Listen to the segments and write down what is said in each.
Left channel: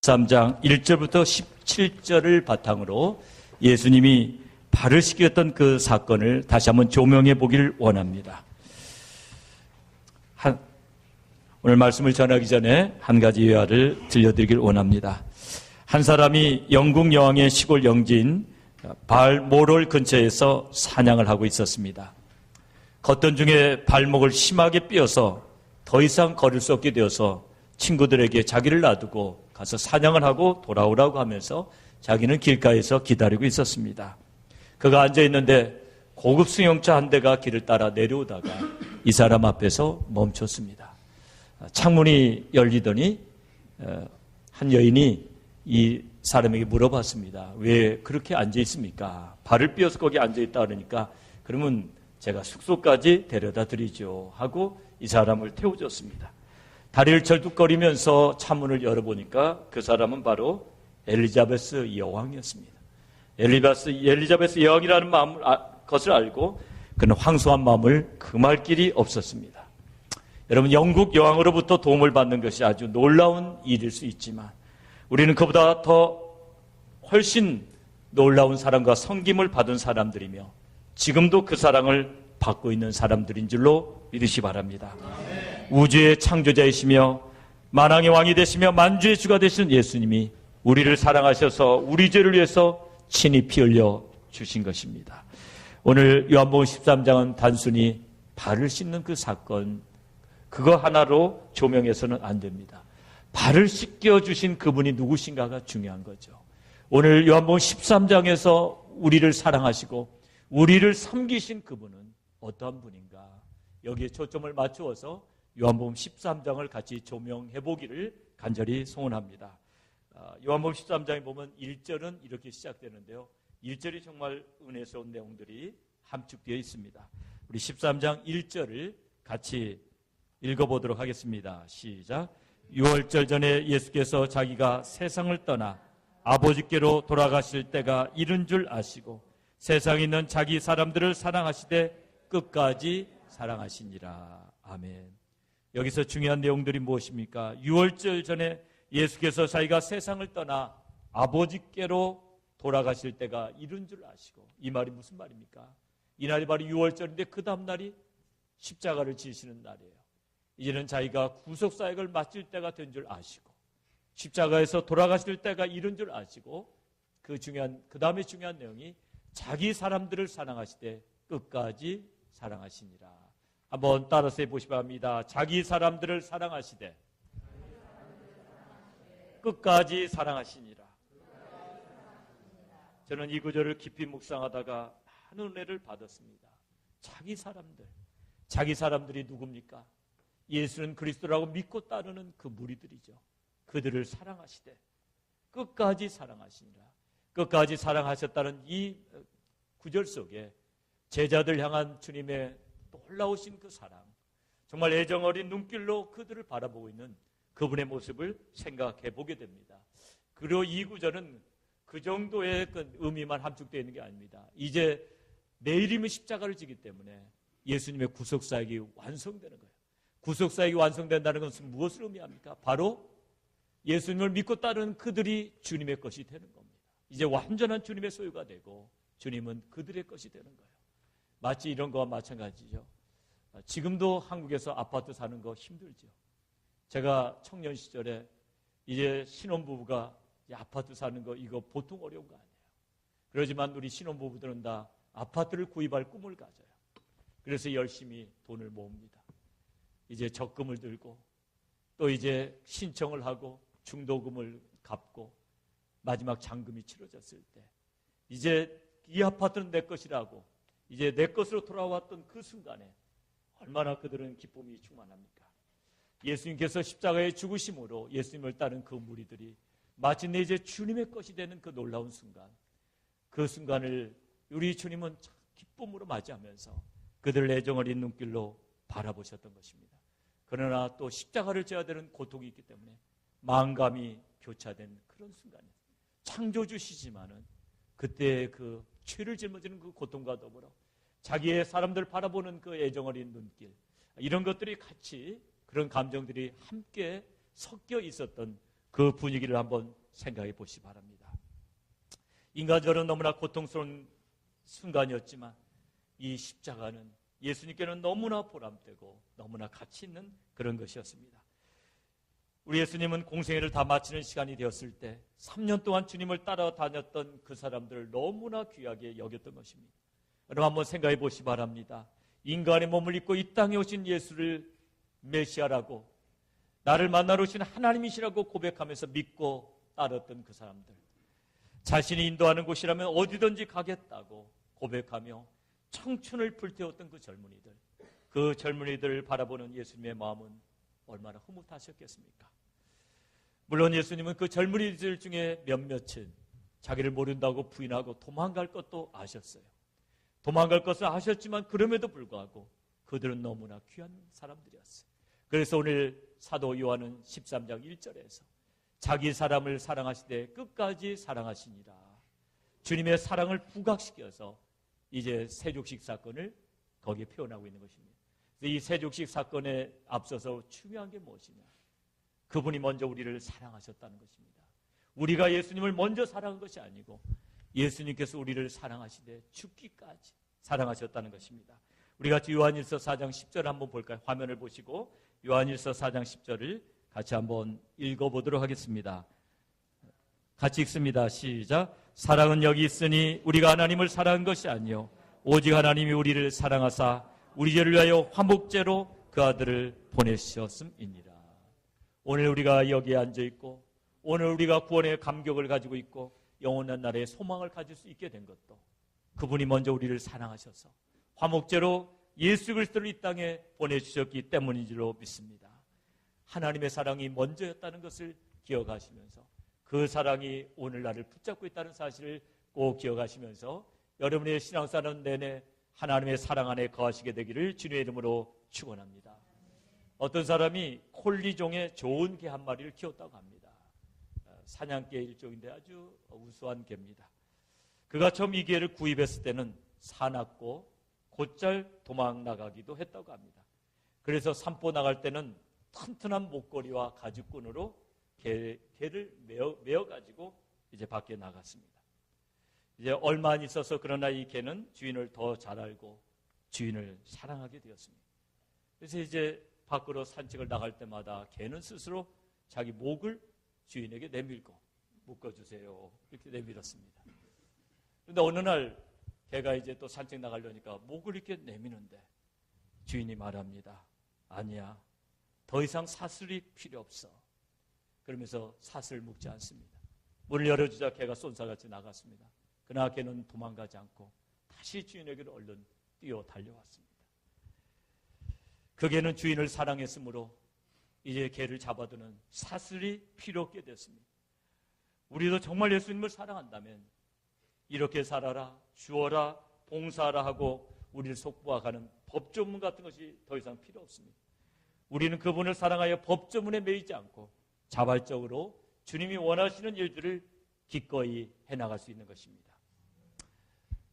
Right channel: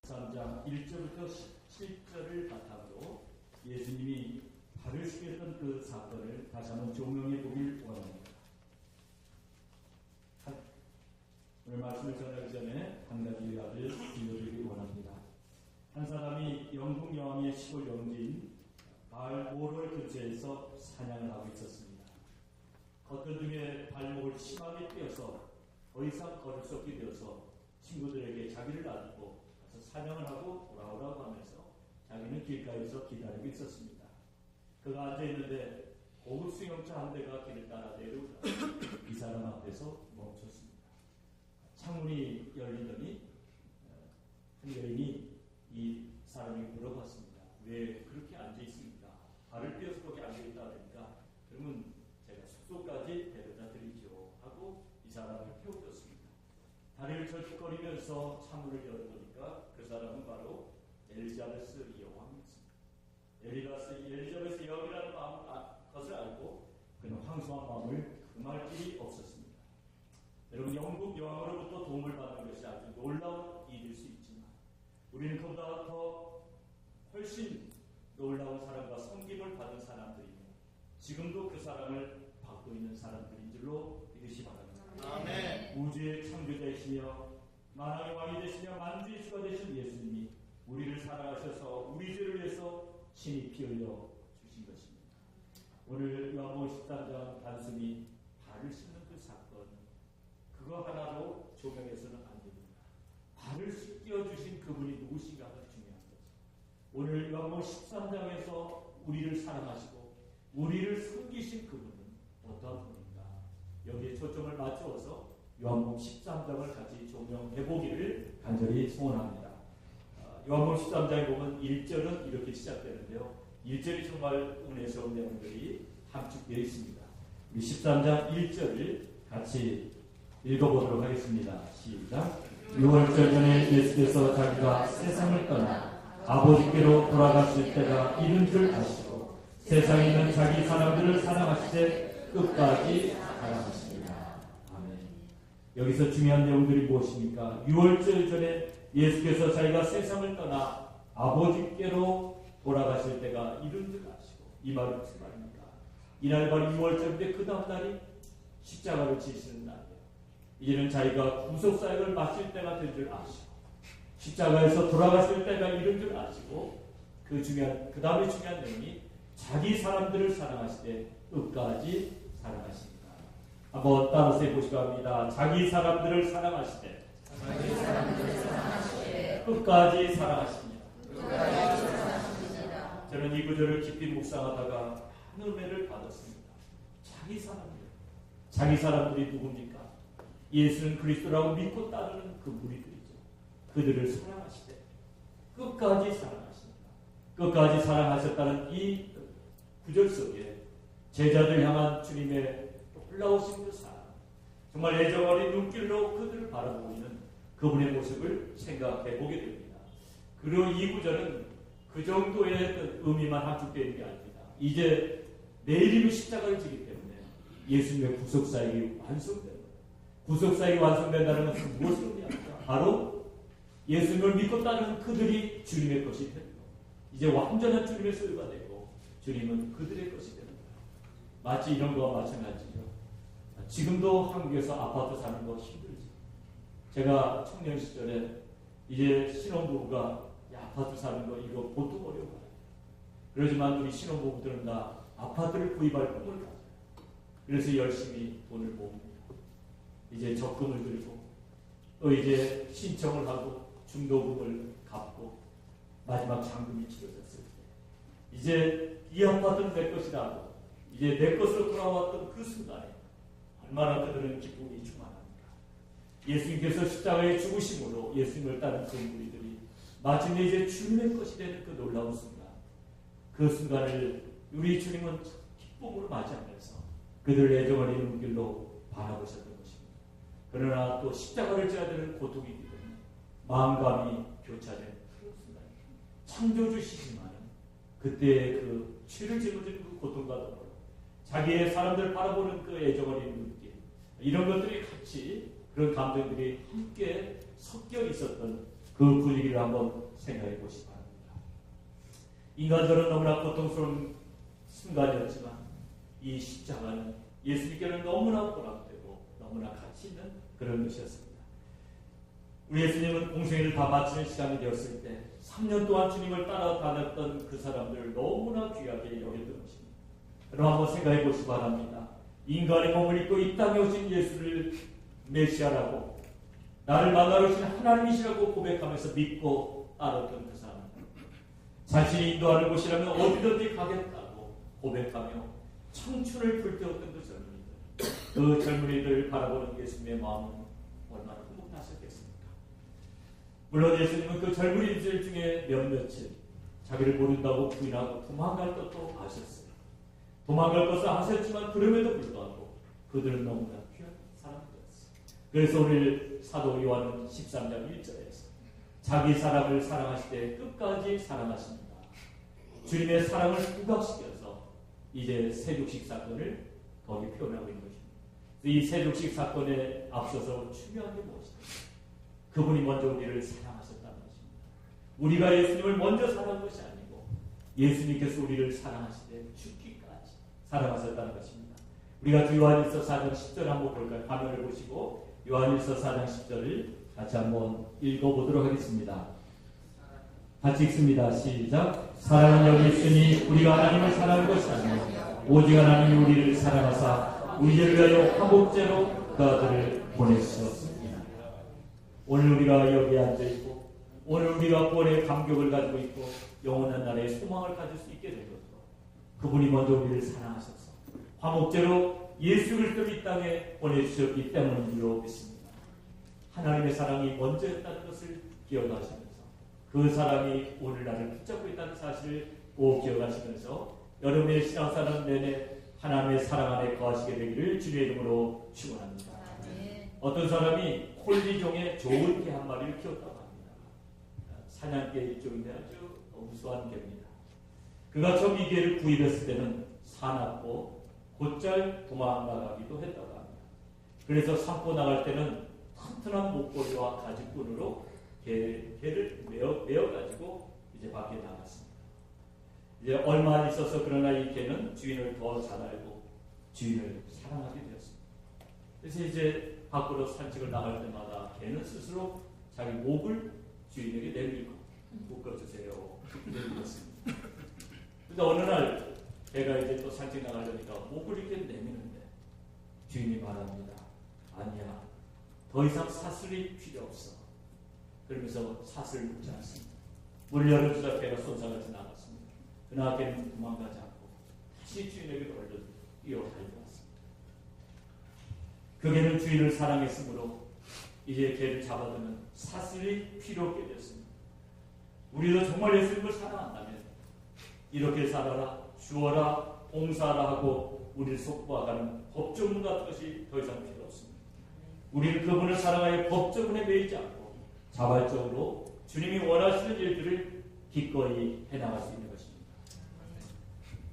13장 1절부터 17절을 바탕으로 예수님이 발을 씻겼던 그 사건을 다시 한번 조명해 보길 원합니다. 오늘 말씀을 전하기 전에 한 가지 예화를 들려드리길 원합니다. 한 사람이 영국 여왕의 시골 영지인 발모롤 근처에서 사냥을 하고 있었습니다. 걷던 중에 발목을 심하게 삐어서 더 이상 걸을 수 없게 되어서 친구들에게 자기를 놔두고 가서 사냥을 하고 돌아오라고 하면서 자기는 길가에서 기다리고 있었습니다. 그가 앉아있는데 고급 승용차 한 대가 길을 따라 내려오다가 이 사람 앞에서 멈췄습니다. 창문이 열리더니 한 여인이 이 사람에게 물어봤습니다. 왜 그렇게 앉아있습니까? 발을 삐어서 거기 앉아있다 그러니까 그러면 제가 숙소까지 데려다 드리죠 하고 이 사람을 태워줬습니다. 다리를 절뚝거리면서 창문을 열어보니까 그 사람은 바로 엘리자베스 여왕이었습니다. 엘리자베스 여왕이라는 것을 알고 그는 황소한 마음을 금할 길이 없었습니다. 여러분, 영국 여왕으로부터 도움을 받는 것이 아주 놀라운 일일 수 있지만 우리는 그보다 더 훨씬 놀라운 사랑과 섬김을 받은 사람들이며 지금도 그 사랑을 받고 있는 사람들인 줄로 믿으시 바랍니다. 우주의 창조자이시며 만왕의 왕이 되시며 만주의 주가 되신 예수님이 우리를 사랑하셔서 우리 죄를 위해서 친히 피 흘려 주신 것입니다. 오늘 요한복음 13장은 단순히 발을 씻는 그 사건 그거 하나로 조명해서는 안 됩니다. 발을 씻겨주신 그분이 누구신가가 중요한 거죠. 오늘 요한복음 13장에서 우리를 사랑하시고 우리를 섬기신 그분은 어떠한 분인가? 여기에 초점을 맞추어서 요한복음 13장을 같이 조명해 보기를 간절히 소원합니다. 요한복음 13장에 보면 1절은 이렇게 시작되는데요. 1절이 정말 은혜스러운 내용들이 함축되어 있습니다. 우리 13장 1절을 같이 읽어보도록 하겠습니다. 시작. 6월절 전에 예수께서 자기가 세상을 떠나 아버지께로 돌아가실 때가 이른 줄 아시고 세상에 있는 자기 사람들을 사랑하시되 끝까지 사랑하십니다. 아멘. 여기서 중요한 내용들이 무엇입니까? 6월절 전에 예수께서 자기가 세상을 떠나 아버지께로 돌아가실 때가 이른 줄 아시고, 이 말이 무슨 말입니까? 이날이 바로 6월절인데 그 다음 날이 십자가를 지시는 날이에요. 이제는 자기가 구속사역을 마칠 때가 된 줄 아시고 십자가에서 돌아가실 때가 이른 줄 아시고 그 다음에 중요한 내용이 자기 사람들을 사랑하시되 끝까지 사랑하십니다. 한번 따라서 해보시 바랍니다. 자기 사람들을 사랑하시되 끝까지 사랑하십니다. 저는 이 구절을 깊이 묵상하다가 큰 은혜를 받았습니다. 자기 사람들이 누굽니까? 예수는 그리스도라고 믿고 따르는 그 무리들이죠. 그들을 사랑하시되 끝까지 사랑하십니다. 끝까지 사랑하셨다는 이 구절 속에 제자들 향한 주님의 놀라우신 그 사랑, 정말 애정 어린 눈길로 그들을 바라보고 있는 그분의 모습을 생각해 보게 됩니다. 그리고 이 구절은 그 정도의 어떤 의미만 함축되어 있는 게 아닙니다. 이제 내일이면 십자가를 지기 때문에 예수님의 구속사역이 완성되는 거예요. 구속사역이 완성된다는 것은 무엇을 의미합니까? 바로 예수님을 믿고 따르는 그들이 주님의 것이 되는 거예요. 이제 완전한 주님의 소유가 되고 주님은 그들의 것이 되는 거예요. 마치 이런 거와 마찬가지죠. 지금도 한국에서 아파트 사는 거 힘들죠. 제가 청년 시절에 이제 신혼부부가 아파트 사는 거 이거 보통 어려워요. 그러지만 우리 신혼부부들은 다 아파트를 구입할 꿈을 가져요. 그래서 열심히 돈을 모읍니다. 이제 적금을 들고 또 이제 신청을 하고 중도금을 갚고 마지막 잔금이 치러졌을 때 이제 이 아파트는 내 것이라고 이제 내 것으로 돌아왔던 그 순간에 얼마나 그들은 기쁨이 충만합니까? 예수님께서 십자가에 죽으심으로 예수님을 따른 그 무리들이 마침내 이제 주님의 것이 되는 그 놀라운 순간, 그 순간을 우리 주님은 기쁨으로 맞이하면서 그들을 애정 어린 눈길로 바라보셨던 것입니다. 그러나 또 십자가를 져야 되는 고통이기 때문에 마음감이 교차되는 그런 순간입니다. 창조주시지만 그때 그 죄를 짊어지는 그 고통과 더불어 자기의 사람들 바라보는 그 애정 어린 눈길, 이런 것들이 같이 그런 감정들이 함께 섞여 있었던 그 그 분위기를 한번 생각해 보시기 바랍니다. 인간적으로 너무나 고통스러운 순간이었지만 이 십자가는 예수님께는 너무나 보람되고 너무나 가치 있는 그런 것이었습니다. 우리 예수님은 공생애를 다 마치는 시간이 되었을 때 3년 동안 주님을 따라다녔던 그 사람들을 너무나 귀하게 여겼던 것입니다. 여러분 한번 생각해 보시기 바랍니다. 인간의 몸을 입고 이 땅에 오신 예수를 메시아라고 나를 만나러 오신 하나님이시라고 고백하면서 믿고 따랐던 그 사람들, 자신이 인도하는 곳이라면 어디든지 가겠다고 고백하며 청춘을 불태웠던 그 젊은이들, 그 젊은이들을 바라보는 예수님의 마음은 얼마나 흐뭇하셨겠습니까? 물론 예수님은 그 젊은이들 중에 몇몇을 자기를 모른다고 부인하고 도망갈 것도 아셨어요. 도망갈 것을 아셨지만 그럼에도 불구하고 그들은 너무나 귀한 사람들이었어요. 그래서 오늘 사도 요한은 13장 1절에서 자기 사람을 사랑하실 때 끝까지 사랑하십니다. 주님의 사랑을 부각시켜서 이제 세족식 사건을 거기 표현하고 있는 것입니다. 이 세족식 사건에 앞서서 중요한 게 무엇입니까? 그분이 먼저 우리를 사랑하셨다는 것입니다. 우리가 예수님을 먼저 사랑한 것이 아니고 예수님께서 우리를 사랑하시되 죽기까지 사랑하셨다는 것입니다. 우리가 요한일서 4장 10절 한번 볼까요? 화면을 보시고 요한일서 4장 10절을 같이 한번 읽어보도록 하겠습니다. 같이 읽습니다. 시작. 사랑은 여기 있으니 우리가 하나님을 사랑한 것이 아니요 오직 하나님이 우리를 사랑하사 우리 죄를 위하여 화목제로 그 아들을 보내주셨습니다. 오늘 우리가 여기에 앉아있고 오늘 우리가 구원의 감격을 가지고 있고 영원한 날에 소망을 가질 수 있게 된 것도 그분이 먼저 우리를 사랑하셔서 화목제로 예수 그리스도를 이 땅에 보내주셨기 때문인 줄로 믿습니다. 하나님의 사랑이 먼저였다는 것을 기억하시면서 그 사랑이 오늘 나를 붙잡고 있다는 사실을 꼭 기억하시면서 여러분의 신앙생활 내내 하나님의 사랑 안에 거하시게 되기를 주님의 이름으로 축원합니다. 어떤 사람이 콜리종의 좋은 개 한 마리를 키웠다고 합니다. 사냥개 일종인데 아주 우수한 개입니다. 그가 처음 이 개를 구입했을 때는 사납고 곧잘 도망나가기도 했다고 합니다. 그래서 산보 나갈 때는 튼튼한 목걸이와 가죽끈으로 개를 메어가지고 이제 밖에 나갔습니다. 이제 얼마 안 있어서 그러나 이 개는 주인을 더 잘 알고 주인을 사랑하게 되었습니다. 그래서 이제 밖으로 산책을 나갈 때마다 개는 스스로 자기 목을 주인에게 내밀고 묶어주세요 내밀었습니다. 그런데 어느 날 개가 이제 또 산책 나가려니까 목을 이렇게 내미는데 주인이 말합니다. 아니야, 더 이상 사슬이 필요 없어. 그러면서 사슬을 묶지 않습니다. 문을 열어주자 개가 쏜살같이 나갔습니다. 그러나 개는 도망가지 않고 다시 주인에게로 얼른 뛰어 달려왔습니다. 그 개는 주인을 사랑했으므로 이제 개를 잡아두는 사슬이 필요 없게 됐습니다. 우리도 정말 예수님을 사랑한다면 이렇게 살아라, 주어라, 봉사하라 하고 우리를 속박하는 법조문 같은 것이 더 이상 필요 없습니다. 우리는 그분을 사랑하여 법조문에 매이지 않고 자발적으로 주님이 원하시는 일들을 기꺼이 해나갈 수 있는 것입니다.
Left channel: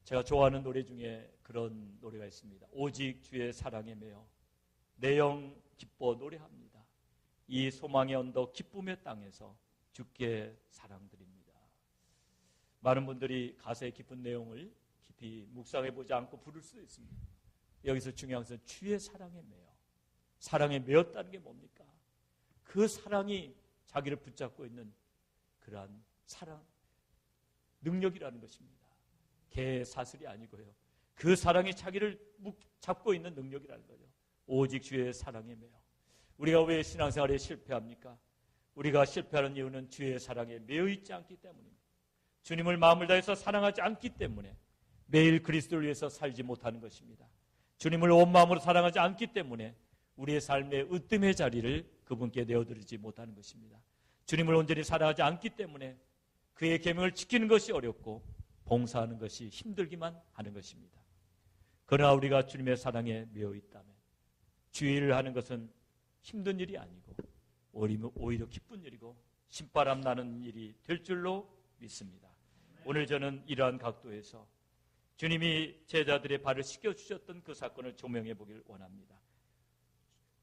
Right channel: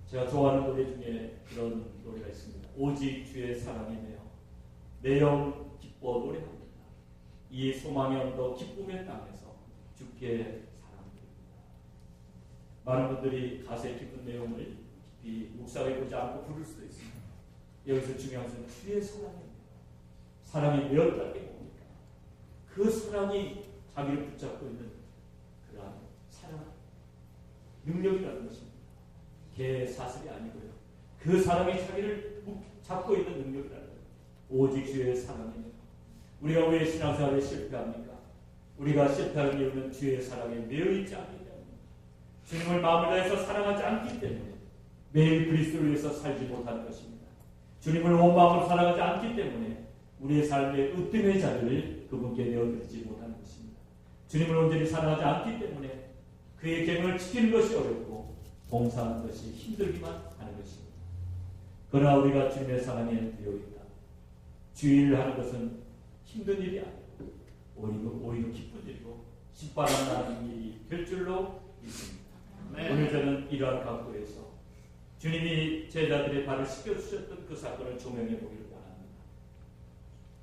제가 좋아하는 노래 중에 그런 노래가 있습니다. 오직 주의 사랑이네요. 내 영 기뻐 노래합니다. 이 소망의 언덕 기쁨의 땅에서 주께 사랑드립니다. 많은 분들이 가사의 깊은 내용을 깊이 묵상해보지 않고 부를 수도 있습니다. 여기서 중요한 것은 주의 사랑이네요. 사랑에 매였다는 게 뭡니까? 그 사랑이 자기를 붙잡고 있는 그러한 사랑 능력이라는 것입니다. 개 사슬이 아니고요. 그 사랑이 자기를 잡고 있는 능력이라는 거예요. 오직 주의 사랑이네요. 우리가 우리의 신앙생활에 실패합니까? 우리가 실패하는 이유는 주의 사랑에 매여있지 않기 때문입니다. 주님을 마음을 다해서 사랑하지 않기 때문에 매일 그리스도를 위해서 살지 못하는 것입니다. 주님을 온 마음으로 사랑하지 않기 때문에 우리의 삶의 으뜸의 자리를 그분께 내어드리지 못하는 것입니다. 주님을 온전히 사랑하지 않기 때문에 그의 계명을 지키는 것이 어렵고 봉사하는 것이 힘들기만 하는 것입니다. 그러나 우리가 주님의 사랑에 매여있다. 주의를 하는 것은 힘든 일이 아니고 오히려 기쁜 일이고 신바람 나는 일이 될 줄로 믿습니다. 네. 오늘 저는 이러한 각도에서 주님이 제자들의 발을 씻겨주셨던 그 사건을 조명해 보기를 원합니다.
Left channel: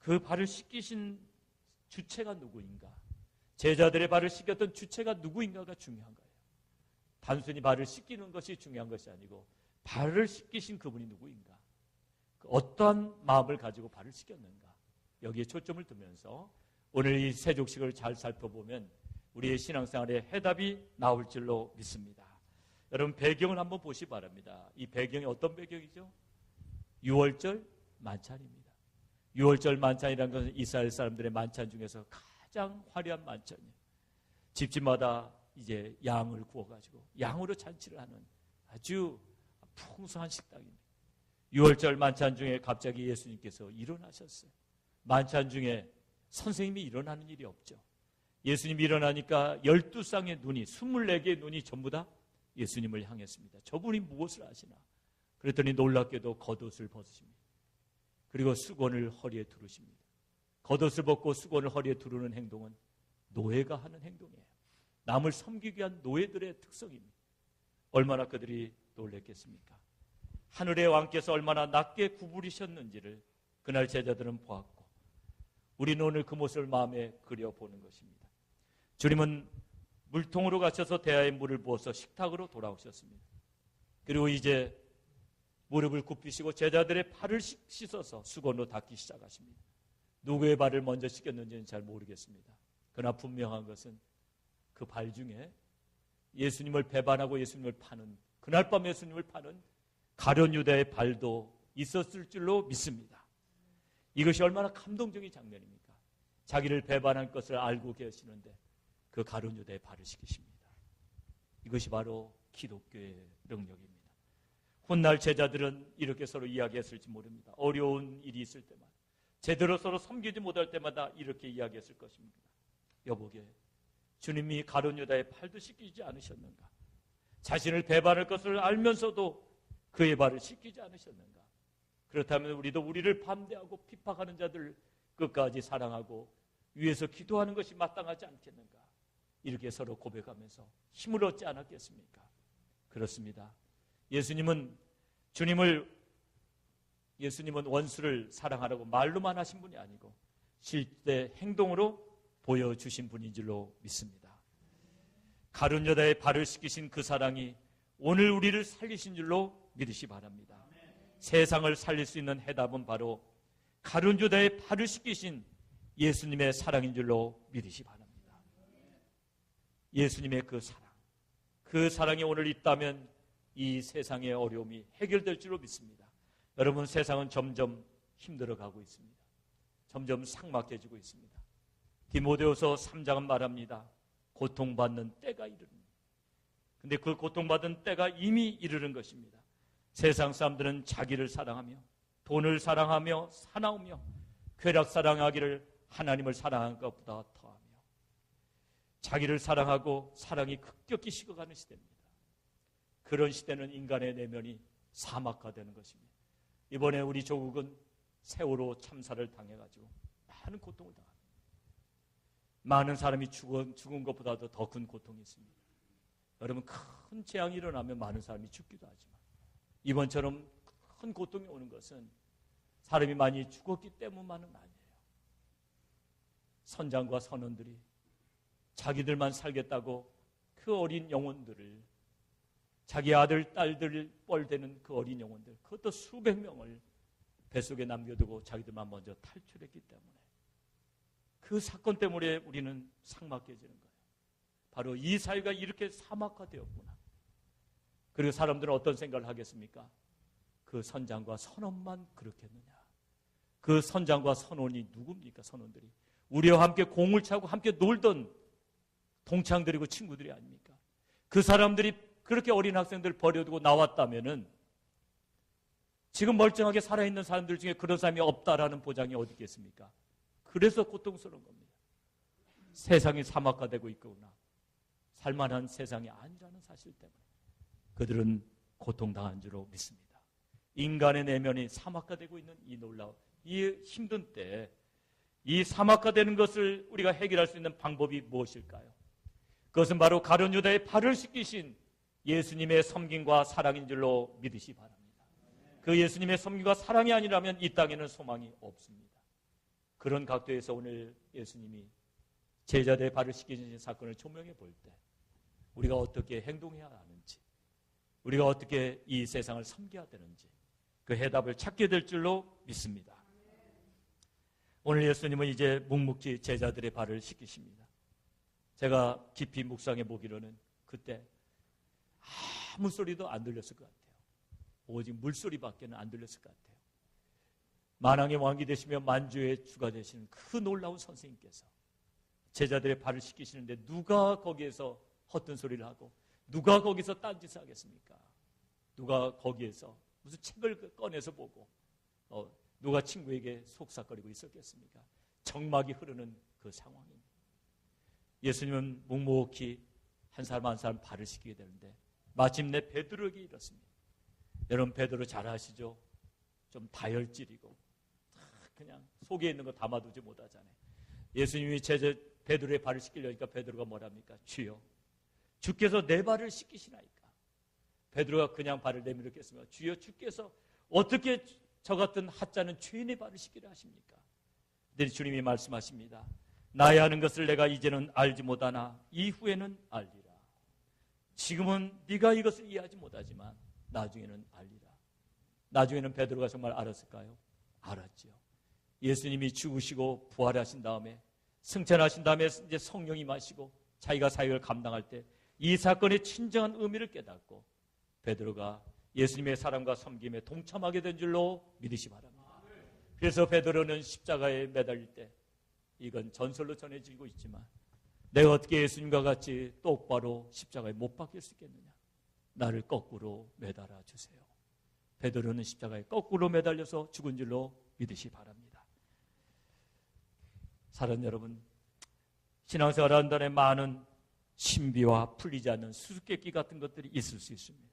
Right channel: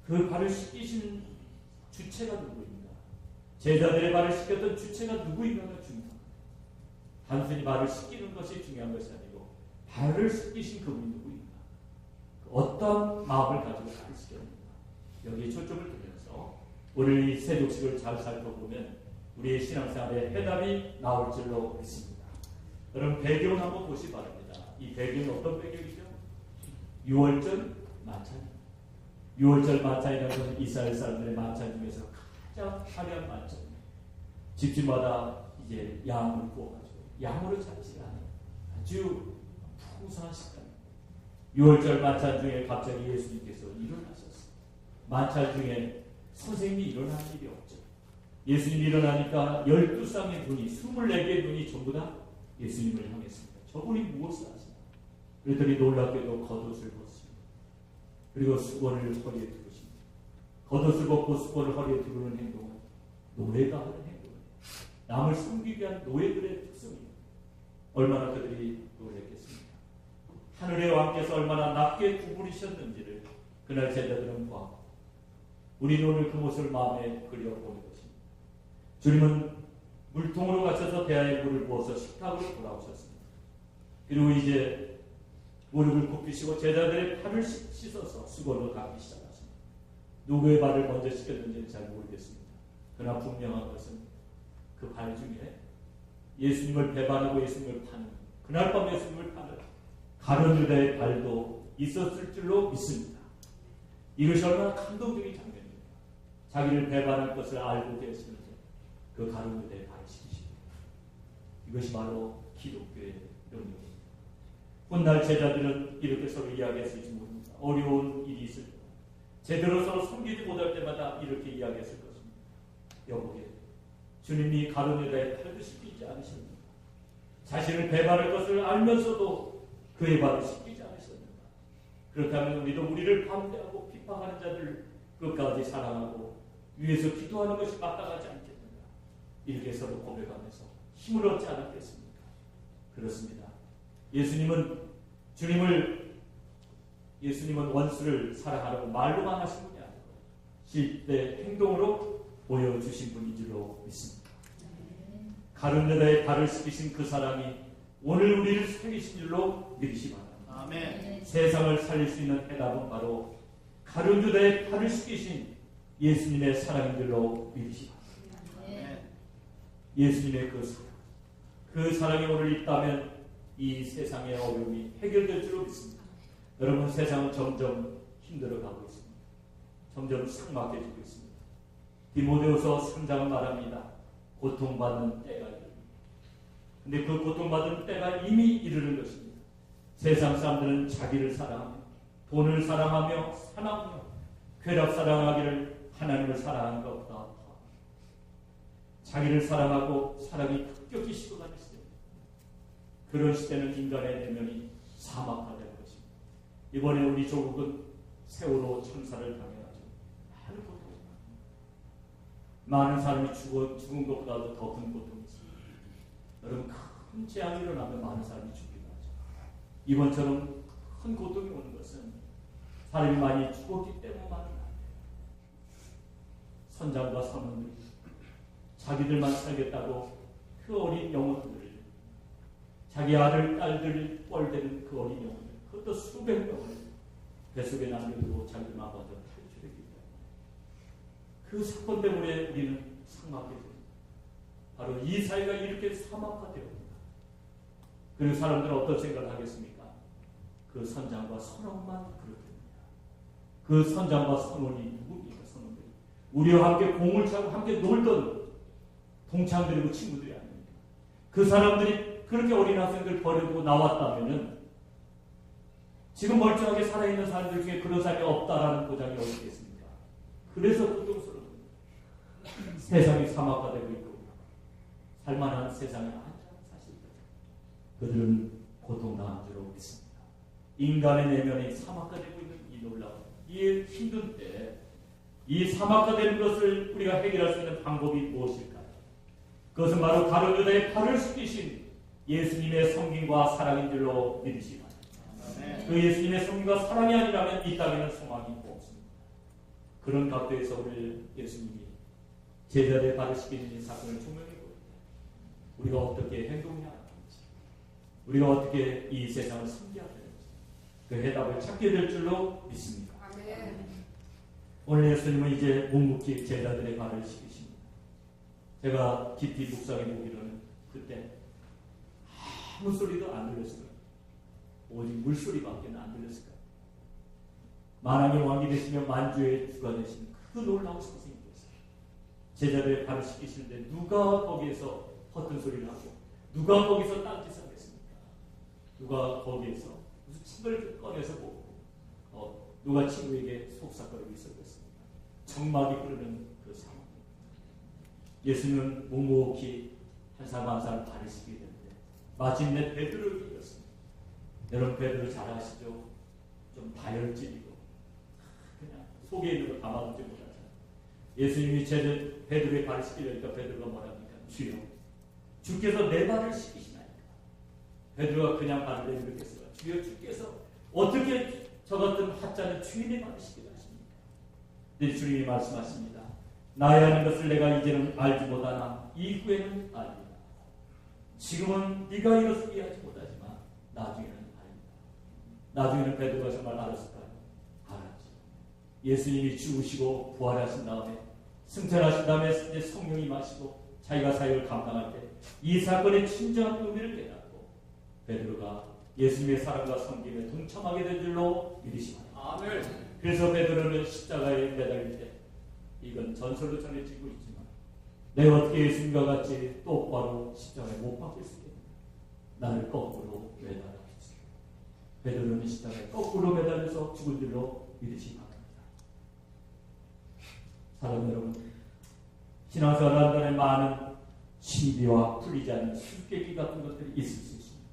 그 발을 씻기신 주체가 누구인가? 제자들의 발을 씻겼던 주체가 누구인가가 중요한 거예요. 단순히 발을 씻기는 것이 중요한 것이 아니고 발을 씻기신 그분이 누구인가, 어떠한 마음을 가지고 발을 씻겼는가, 여기에 초점을 두면서 오늘 이 세족식을 잘 살펴보면 우리의 신앙생활에 해답이 나올 줄로 믿습니다. 여러분, 배경을 한번 보시기 바랍니다. 이 배경이 어떤 배경이죠? 6월절 만찬입니다. 6월절 만찬이라는 것은 이스라엘 사람들의 만찬 중에서 가장 화려한 만찬입니다. 집집마다 이제 양을 구워가지고 양으로 잡지 않은 아주 풍성한 식당입니다. 6월절 만찬 중에 갑자기 예수님께서 일어나셨어요. 만찬 중에 선생님이 일어난 일이 없죠. 예수님이 일어나니까 12쌍의 눈이, 24개의 눈이 전부 다 예수님을 향했습니다. 저분이 무엇을 하시나? 그랬더니 놀랍게도 겉옷을 벗으십니다. 그리고 수건을 허리에 두르십니다. 겉옷을 벗고 수건을 허리에 두르는 행동은 노예가 하는 행동이에요. 남을 섬기기 위한 노예들의 특성입니다. 얼마나 그들이 놀랐겠습니까? 하늘의 왕께서 얼마나 낮게 구부리셨는지를 그날 제자들은 보았고, 우리는 오늘 그 모습을 마음에 그려보는 것입니다. 주님은 물통으로 가셔서 대야에 물을 부어서 식탁으로 돌아오셨습니다. 그리고 이제 무릎을 굽히시고 제자들의 발을 씻어서 수건으로 닦기 시작하십니다. 누구의 발을 먼저 씻겼는지는 잘 모르겠습니다. 그러나 분명한 것은 그 발 중에 예수님을 배반하고 예수님을 파는, 그날 밤 예수님을 파는 가룟 유다의 발도 있었을 줄로 믿습니다. 이것이 얼마나 감동적인 장면입니까? 자기를 배반할 것을 알고 계시는데 그 가룟 유다의 발을 씻기십니다. 이것이 바로 기독교의 능력입니다. 훗날 제자들은 이렇게 서로 이야기했을지 모릅니다. 어려운 일이 있을 때마다, 제대로 서로 섬기지 못할 때마다 이렇게 이야기했을 것입니다. 여보게, 주님이 가룟 유다의 발도 씻기지 않으셨는가? 자신을 배반할 것을 알면서도 그의 발을 씻기지 않으셨는가? 그렇다면 우리도 우리를 반대하고 비판하는 자들을 끝까지 사랑하고 위해서 기도하는 것이 마땅하지 않겠는가? 이렇게 서로 고백하면서 힘을 얻지 않았겠습니까? 그렇습니다. 예수님은 원수를 사랑하라고 말로만 하신 분이 아니고 실제 행동으로 보여주신 분인 줄로 믿습니다. 가룟 유다의 발을 씻기신 그 사랑이 오늘 우리를 살리신 줄로 믿으시 바랍니다. 아멘. 세상을 살릴 수 있는 해답은 바로 가룟 유다의 발을 씻기신 예수님의 사랑인 줄로 믿으시 바랍니다. 아멘. 예수님의 그 사랑이 오늘 있다면 이 세상의 어려움이 해결될 줄로 믿습니다. 여러분, 세상은 점점 힘들어가고 있습니다. 점점 삭막해지고 있습니다. 디모데후서 3장은 말합니다. 고통받는 때가 이릅니다. 근데 그 고통받는 때가 이미 이르는 것입니다. 세상 사람들은 자기를 사랑하며 돈을 사랑하며 사랑하며 쾌락 사랑하기를 하나님을 사랑하는 것보다 더합니다. 자기를 사랑하고 사랑이 급격히 식어가는 시대입니다. 그런 시대는 인간의 내면이 사막화되는 것입니다. 이번에 우리 조국은 세월호 참사를 당해가지고 많은 고통이 있습니다. 많은 사람이 죽은 것보다도 더 큰 고통이 있습니다. 여러분, 큰 재앙이 일어나면 많은 사람이 죽기도 하죠. 이번처럼 큰 고통이 오는 것은 사람이 많이 죽었기 때문만은 아니에요. 선장과 선원들이 자기들만 살겠다고 그 어린 영혼들을, 자기 아들, 딸들 뻘되는 그 어린 영혼들, 그것도 수백 명을 뱃속에 남겨두고 자기들만 먼저 탈출했기 때문에 그 사건 때문에 우리는 삭막해집니다. 바로 이 사회가 이렇게 사막화되었구나. 그리고 사람들은 어떤 생각을 하겠습니까? 그 선장과 선원만 그렇겠느냐. 그 선장과 선원이 누굽니까? 선원들이 우리와 함께 공을 차고 함께 놀던 동창들이고 친구들이 아닙니까? 그 사람들이 그렇게 어린 학생들 버려두고 나왔다면은 지금 멀쩡하게 살아있는 사람들 중에 그런 사람이 없다라는 보장이 어디 있겠습니까? 그래서 고통스러운 세상이 사막화되고 있고 살만한 세상에 안전한 사실이다. 그들은 고통당한 줄로 믿습니다. 인간의 내면이 사막화되고 있는 이 놀라운, 이 힘든 때에 이 사막화되는 것을 우리가 해결할 수 있는 방법이 무엇일까요? 그것은 바로 가룟 유다의 발을 씻기신 예수님의 섬김과 사랑인 줄로 믿으시기 바랍니다. 그 예수님의 섬김과 사랑이 아니라면 이 땅에는 소망이 없습니다. 그런 각도에서 오늘 예수님이 제자들의 발을 씻기는 이 사건을 조명해 볼 때 우리가 어떻게 행동해야 하는지, 우리가 어떻게 이 세상을 섬겨야 되는지 그 해답을 찾게 될 줄로 믿습니다. 오늘 예수님은 이제 묵묵히 제자들의 발을 씻기십니다. 제가 깊이 묵상해 보기로는 그때 아무 소리도 안 들렸을 것 같아요. 오직 물소리밖에 안 들렸을 것 같아요. 만왕의 왕이 되시며 만주의 주가 되신 그 놀라운 선생님께서 제자들의 발을 씻기시는데 누가 거기에서 헛된 소리를 하고 누가 거기서 딴짓을 하겠습니까? 누가 거기에서 무슨 책을 꺼내서 보고 누가 친구에게 속삭거리고 있었겠습니까? 정막이 흐르는 그 상황. 예수님은 묵묵히 한 사람 한 사람 발을 씻기게 되는데 마침내 베드로를 이겼습니다. 여러분 베드로 잘 아시죠? 좀 다혈질이고 그냥 속에 있는 거 담아두지 못하잖아요. 예수님이 베드로의 발을 씻기려니까 베드로가 뭐랍니까? 주여 주께서 내 발을 씻기시나이까. 베드로가 그냥 발을 내밀겠으나 주여 주께서 어떻게 저 같은 하찮은 주인의 발을 씻기다 하십니까? 네, 주님이 말씀하십니다. 나의 하는 것을 내가 이제는 알지 못하나 이후에는 알리라. 지금은 네가 이것을 이해하지 못하지만 나중에는 알리라. 나중에는 베드로가 정말 알았을까요? 알았죠. 예수님이 죽으시고 부활하신 다음에 승천하신 다음에 이제 성령이 마시고 자기가 사역을 감당할 때 이 사건의 진정한 의미를 깨닫고 베드로가 예수님의 사랑과 섬김에 동참하게 된 줄로 믿으시기 바랍니다. 그래서 베드로는 십자가에 매달릴 때 이건 전설로 전해지고 있지만 내가 어떻게 예수님과 같이 똑바로 십자가에 못 박힐 수 있겠느냐. 나를 거꾸로 매달아 주세요. 베드로는 십자가에 거꾸로 매달려서 죽은 줄로 믿으시기 바랍니다. 사랑 여러분, 신앙생활 하는 날에 많은 신비와 풀리지 않는 수수께끼 같은 것들이 있을 수 있습니다.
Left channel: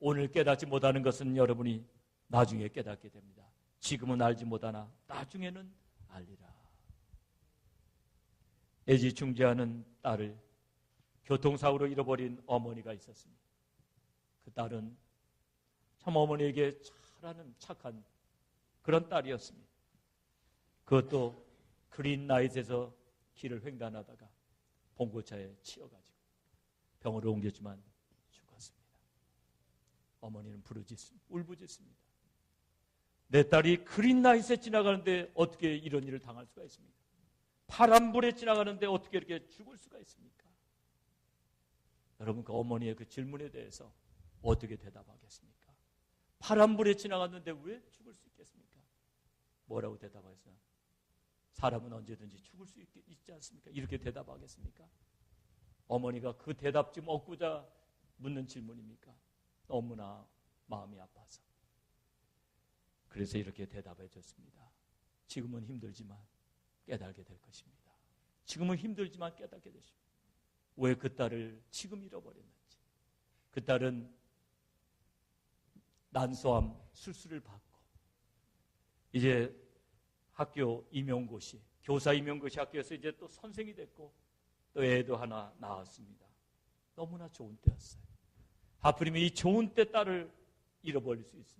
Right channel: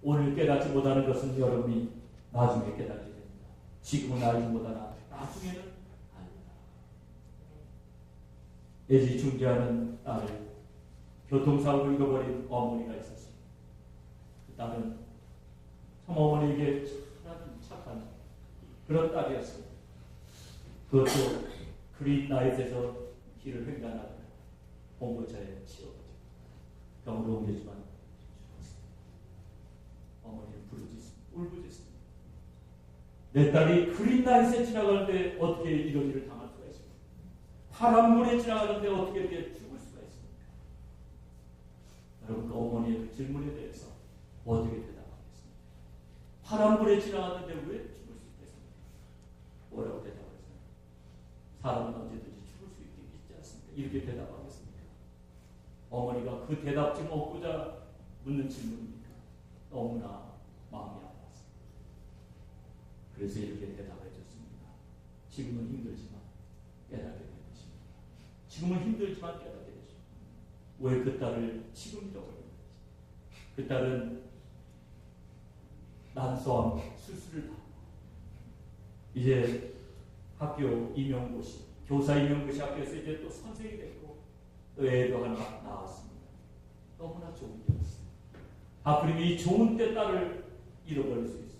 오늘 깨닫지 못하는 것은 여러분이 나중에 깨닫게 됩니다. 지금은 알지 못하나 나중에는 알리라. 애지중지하는 딸을 교통사고로 잃어버린 어머니가 있었습니다. 그 딸은 참 어머니에게 착한 그런 딸이었습니다. 그것도 그린라이트에서 길을 횡단하다가 봉고차에 치여가지고 병으로 옮겨지만 죽었습니다. 어머니는 부르짖습니다. 울부짖습니다. 내 딸이 그린라이트에 지나가는데 어떻게 이런 일을 당할 수가 있습니까? 파란불에 지나가는데 어떻게 이렇게 죽을 수가 있습니까? 여러분 그 어머니의 그 질문에 대해서 어떻게 대답하겠습니까? 파란불에 지나갔는데 왜 죽을 수 있겠습니까? 뭐라고 대답하겠습니까? 사람은 언제든지 죽을 수 있지 않습니까? 이렇게 대답하겠습니까? 어머니가 그 대답 좀 얻고자 묻는 질문입니까? 너무나 마음이 아파서. 그래서 이렇게 대답해 줬습니다. 지금은 힘들지만 깨닫게 될 것입니다. 지금은 힘들지만 깨닫게 되십니다. 왜 그 딸을 지금 잃어버렸는지. 그 딸은 난소암 수술을 받고 이제 학교 임용고시, 교사 임용고시 학교에서 이제 또 선생이 되고 또 애도 하나 낳았습니다. 너무나 좋은 때였어요. 하필이면 이 좋은 때 딸을 잃어버릴 수 있습니다.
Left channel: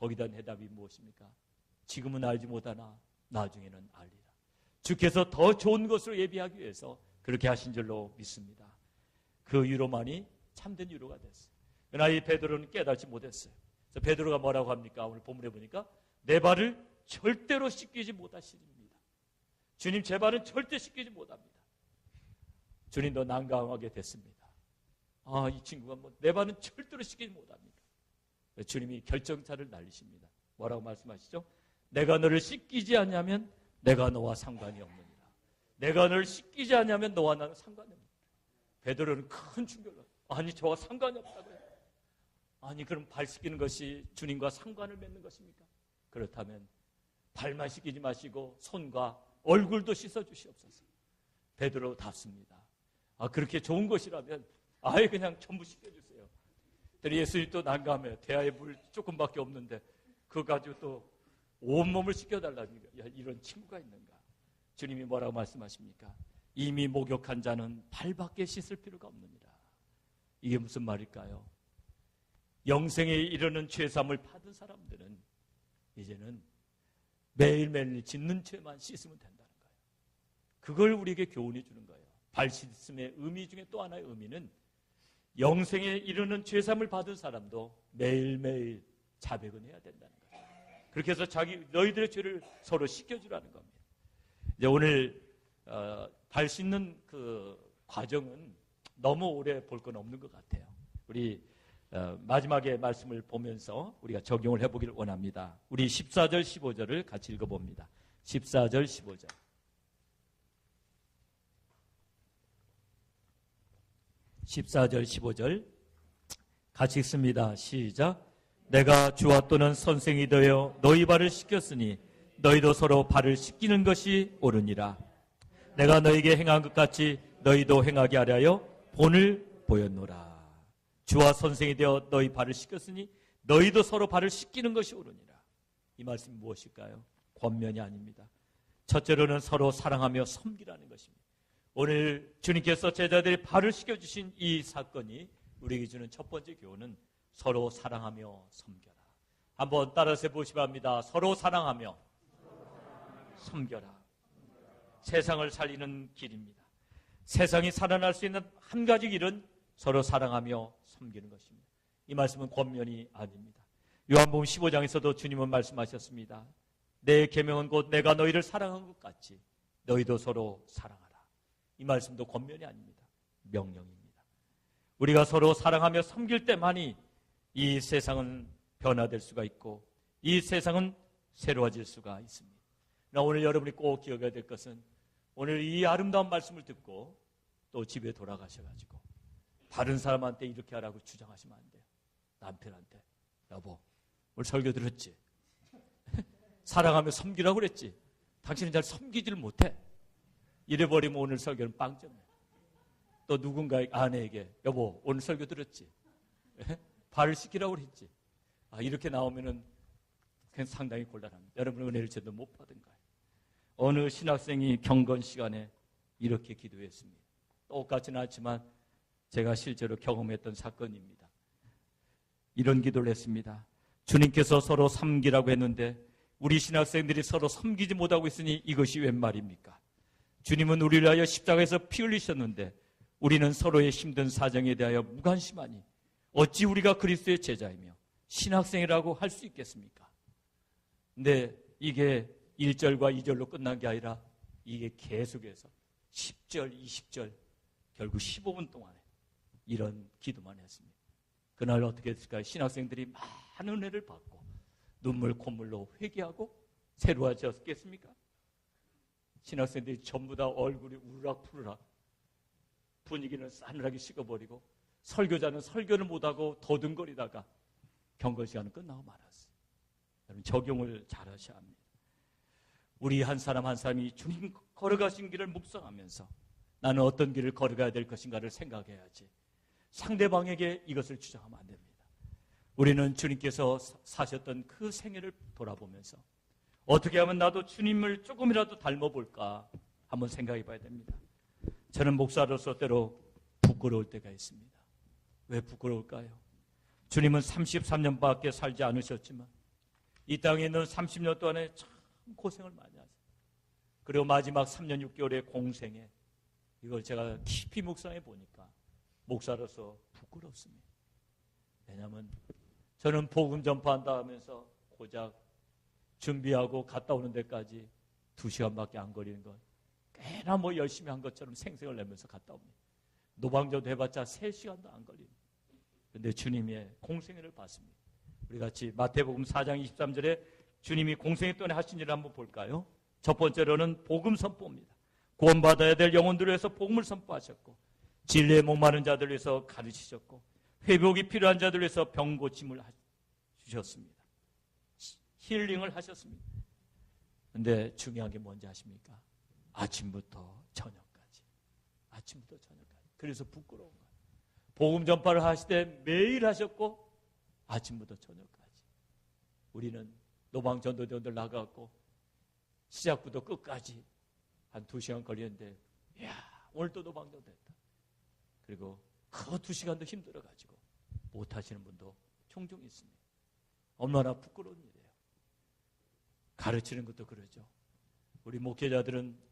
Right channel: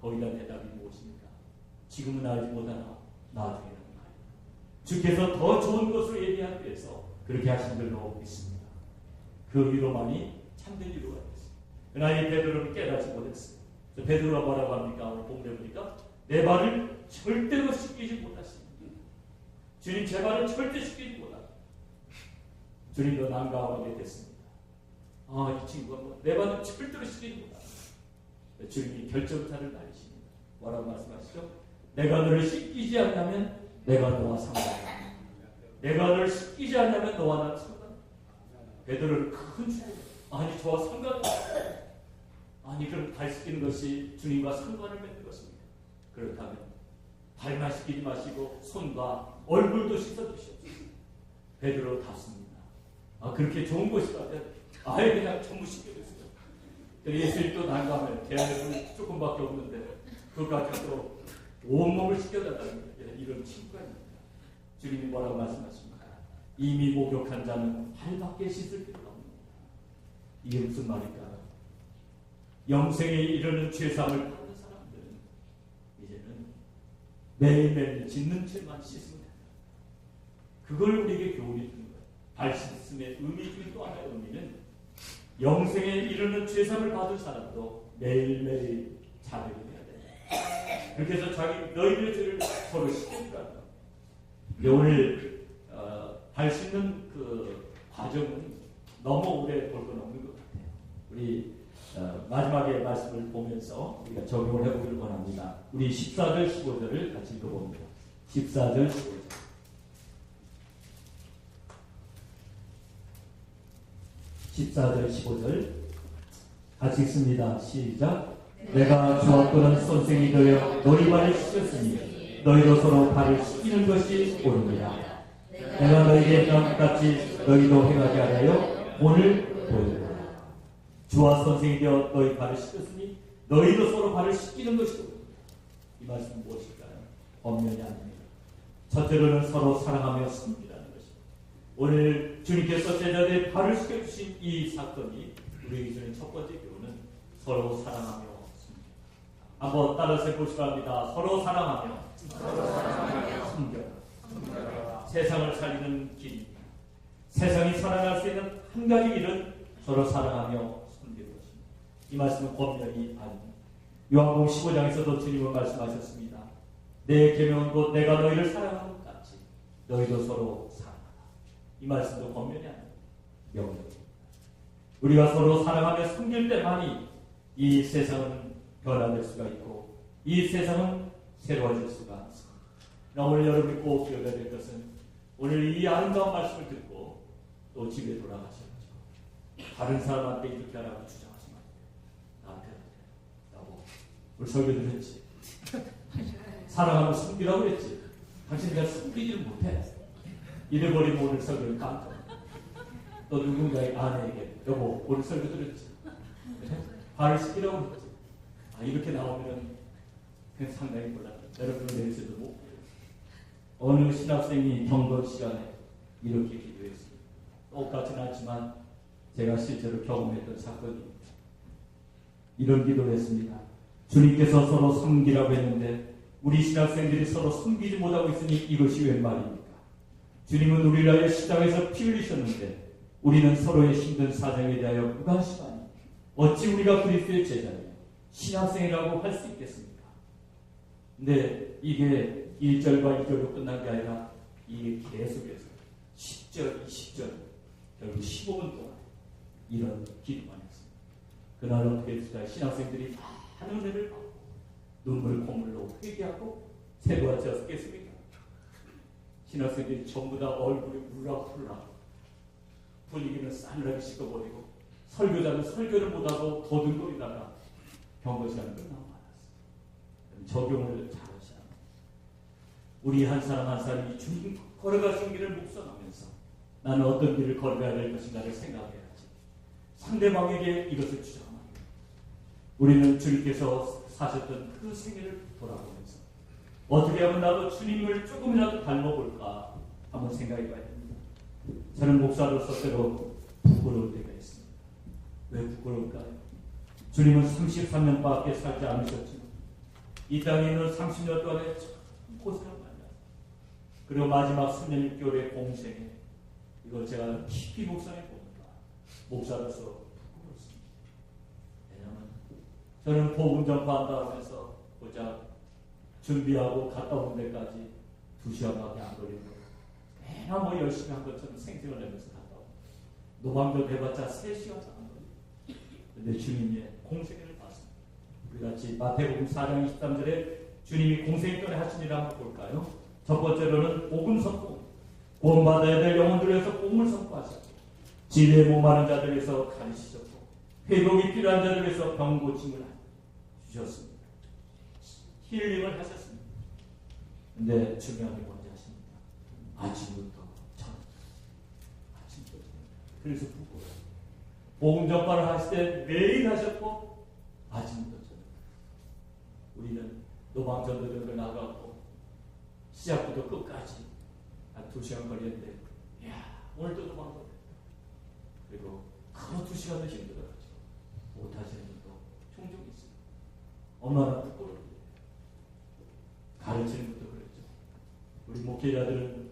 거기다 대답이 무엇입니까? 지금은 알지 못하나 나중에는 알리라. 주께서 더 좋은 것을 예비하기 위해서 그렇게 하신 줄로 믿습니다. 그 위로만이 참된 위로가 됐어요. 그러나 이 베드로는 깨닫지 못했어요. 그래서 베드로가 뭐라고 합니까? 오늘 본문에 보니까 내 발을 절대로 씻기지 못하십니다. 주님 제 발을 절대 씻기지 못하십니다. 주님도 난감하게 됐습니다. 이 친구가 내 발을 절대로 씻기지 못합니다. 주님이 결정타를 날리십니다. 뭐라고 말씀하시죠? 내가 너를 씻기지 않냐면 내가 너와 상관이야. 내가 너를 씻기지 않냐면 너와 나는 상관이야. 베드로는 큰 충격. 아니 저와 상관이 아니 그럼 발 씻기는 것이 주님과 상관을 맺는 것입니까? 그렇다면 발만 씻기지 마시고 손과 얼굴도 씻어주시옵소서. 베드로 답습니다. 그렇게 좋은 것이 같아요. 아예 그냥 전부 씻겨주세요. 예수님 또 난감해. 대야에 물 조금밖에 없는데 그거 가지고 또 온몸을 씻겨달라는 이런 친구입니다. 주님이 뭐라고 말씀하십니까? 이미 목욕한 자는 발밖에 씻을 필요가 없습니다. 이게 무슨 말일까요? 영생에 이르는 죄상을 받는 사람들은 이제는 매일매일 짓는 죄만 씻으면 된다. 그걸 우리에게 교훈이 주는 거예요. 발신씀의 의미 중에 또 하나의 의미는 영생에 이르는 죄사함을 받은 사람도 매일매일 자백을 해야 된다. 그렇게 해서 너희들 죄를 서로 씻겨주라는 겁니다. 이제 오늘 발신는 그 과정은 너무 오래 볼 건 없는 것 같아요. 우리 마지막에 말씀을 보면서 우리가 적용을 해보기를 원합니다. 우리 14절 15절을 같이 읽어봅니다. 14절 15절. 14절 15절 같이 읽습니다. 시작. 내가 주와 또는 선생이 되어 너희 발을 씻겼으니 너희도 서로 발을 씻기는 것이 옳으니라. 내가 너에게 행한 것 같이 너희도 행하게 하려 본을 보여주라. 주와 선생이 되어 너희 발을 씻겼으니 너희도 서로 발을 씻기는 것이 옳으니라. 이 말씀은 무엇일까요? 권면이 아닙니다. 첫째로는 서로 사랑하며 섬기라는 것입니다. 오늘 주님께서 제자들의 발을 씻겨주신 이 사건이 우리에게 주는 첫 번째 교훈은 서로 사랑하며 섬겨라. 한번 따라서 해보시기 합니다. 서로 사랑하며 섬겨라. 세상을 살리는 길입니다. 세상이 살아날 수 있는 한 가지 길은 서로 사랑하며 섬기는 것입니다. 이 말씀은 권면이 아닙니다. 요한복음 15장에서도 주님은 말씀하셨습니다. 내 계명은 곧 내가 너희를 사랑한 것 같이 너희도 서로 사랑하라. 이 말씀도 권면이 아닙니다. 명령입니다. 우리가 서로 사랑하며 섬길 때만이 이 세상은 변화될 수가 있고 이 세상은 새로워질 수가 있습니다. 그러나 오늘 여러분이 꼭 기억해야 될 것은 오늘 이 아름다운 말씀을 듣고 또 집에 돌아가셔가지고 다른 사람한테 이렇게 하라고 주장하시면 안 돼요. 남편한테. 여보, 우리 설교 들었지? 사랑하며 섬기라고 그랬지? 당신이 잘 섬기지를 못해. 이래버리면 오늘 설교는 빵점. 또 누군가의 아내에게 여보, 오늘 설교 들었지? 발을 씻기라고 그랬지? 이렇게 나오면은 그냥 상당히 곤란해요. 여러분 은혜를 제대로 못 받아요. 어느 신학생이 경건 시간에 이렇게 기도했습니다. 똑같지는 않지만 제가 실제로 경험했던 사건입니다. 이런 기도를 했습니다. 주님께서 서로 섬기라고 했는데 우리 신학생들이 서로 섬기지 못하고 있으니 이것이 웬 말입니까? 주님은 우리를 위하여 십자가에서 피 흘리셨는데 우리는 서로의 힘든 사정에 대하여 무관심하니 어찌 우리가 그리스도의 제자며 신학생이라고 할 수 있겠습니까? 근데 이게 1절과 2절로 끝난 게 아니라 이게 계속해서 10절, 20절, 결국 15분 동안 이런 기도만 했습니다. 그날 어떻게 했을까요? 신학생들이 많은 은혜를 받고 눈물 콧물로 회개하고 새로워졌겠습니까? 신학생들이 전부 다 얼굴이 울락불락 분위기는 싸늘하게 식어버리고 설교자는 설교를 못하고 더듬거리다가 경건 시간 끝나고 말았어요. 적용을 잘 하셔야 합니다. 우리 한 사람 한 사람이 주님 걸어가신 길을 묵상하면서 나는 어떤 길을 걸어가야 될 것인가를 생각해야지. 상대방에게 이것을 주장하면 안 돼요. 우리는 주님께서 사셨던 그 생애를 돌아보면서 어떻게 하면 나도 주님을 조금이라도 닮아볼까 한번 생각해 봐야 됩니다. 저는 목사로서 때로 부끄러울 때가 있습니다. 왜 부끄러울까요? 주님은 33년밖에 살지 않으셨지만 이 땅에 있는 30년 동안에 참 고생을 많이 했어요. 그리고 마지막 3년 6개월의 공생에 이걸 제가 깊이 묵상해 보니까 목사로서 부끄럽습니다. 왜냐하면 저는 복음 전파한다 하면서 고작 준비하고 갔다 온 데까지 2시간밖에 안 걸리는 거. 꽤나 뭐 열심히 한 것처럼 생생을 내면서 갔다 오고 노방전 해봤자 3시간도 안 걸려요. 근데 주님의 공생애를 봤습니다. 우리 같이 마태복음 4장 23절에 주님이 공생애 동안에 하신 일을 한번 볼까요? 첫 번째로는 복음 선포. 구원받아야 될 영혼들을 위해서 복음을 선포하셨고 진리에 목마른 자들을 위해서 가르치셨고 회복이 필요한 자들을 위해서 병 고침을 주셨습니다. 힐링을 하셨습니다. 근데 중요한 게 뭔지 아십니까? 아침부터 저녁까지. 아침부터 저녁까지. 그래서 부끄러워요. 복음 전파를 하실 때 매일 하셨고 아침부터 저녁까지. 우리는 노방전도들 나가고 시작부터 끝까지 한 2시간 걸리는데 야 오늘도 노방전도 됐다. 그리고 그 2시간도 힘들어가지고 못하시는 분도 종종 있습니다. 얼마나 부끄러워요. 가르치는 것도 그렇죠. 우리 목회자들은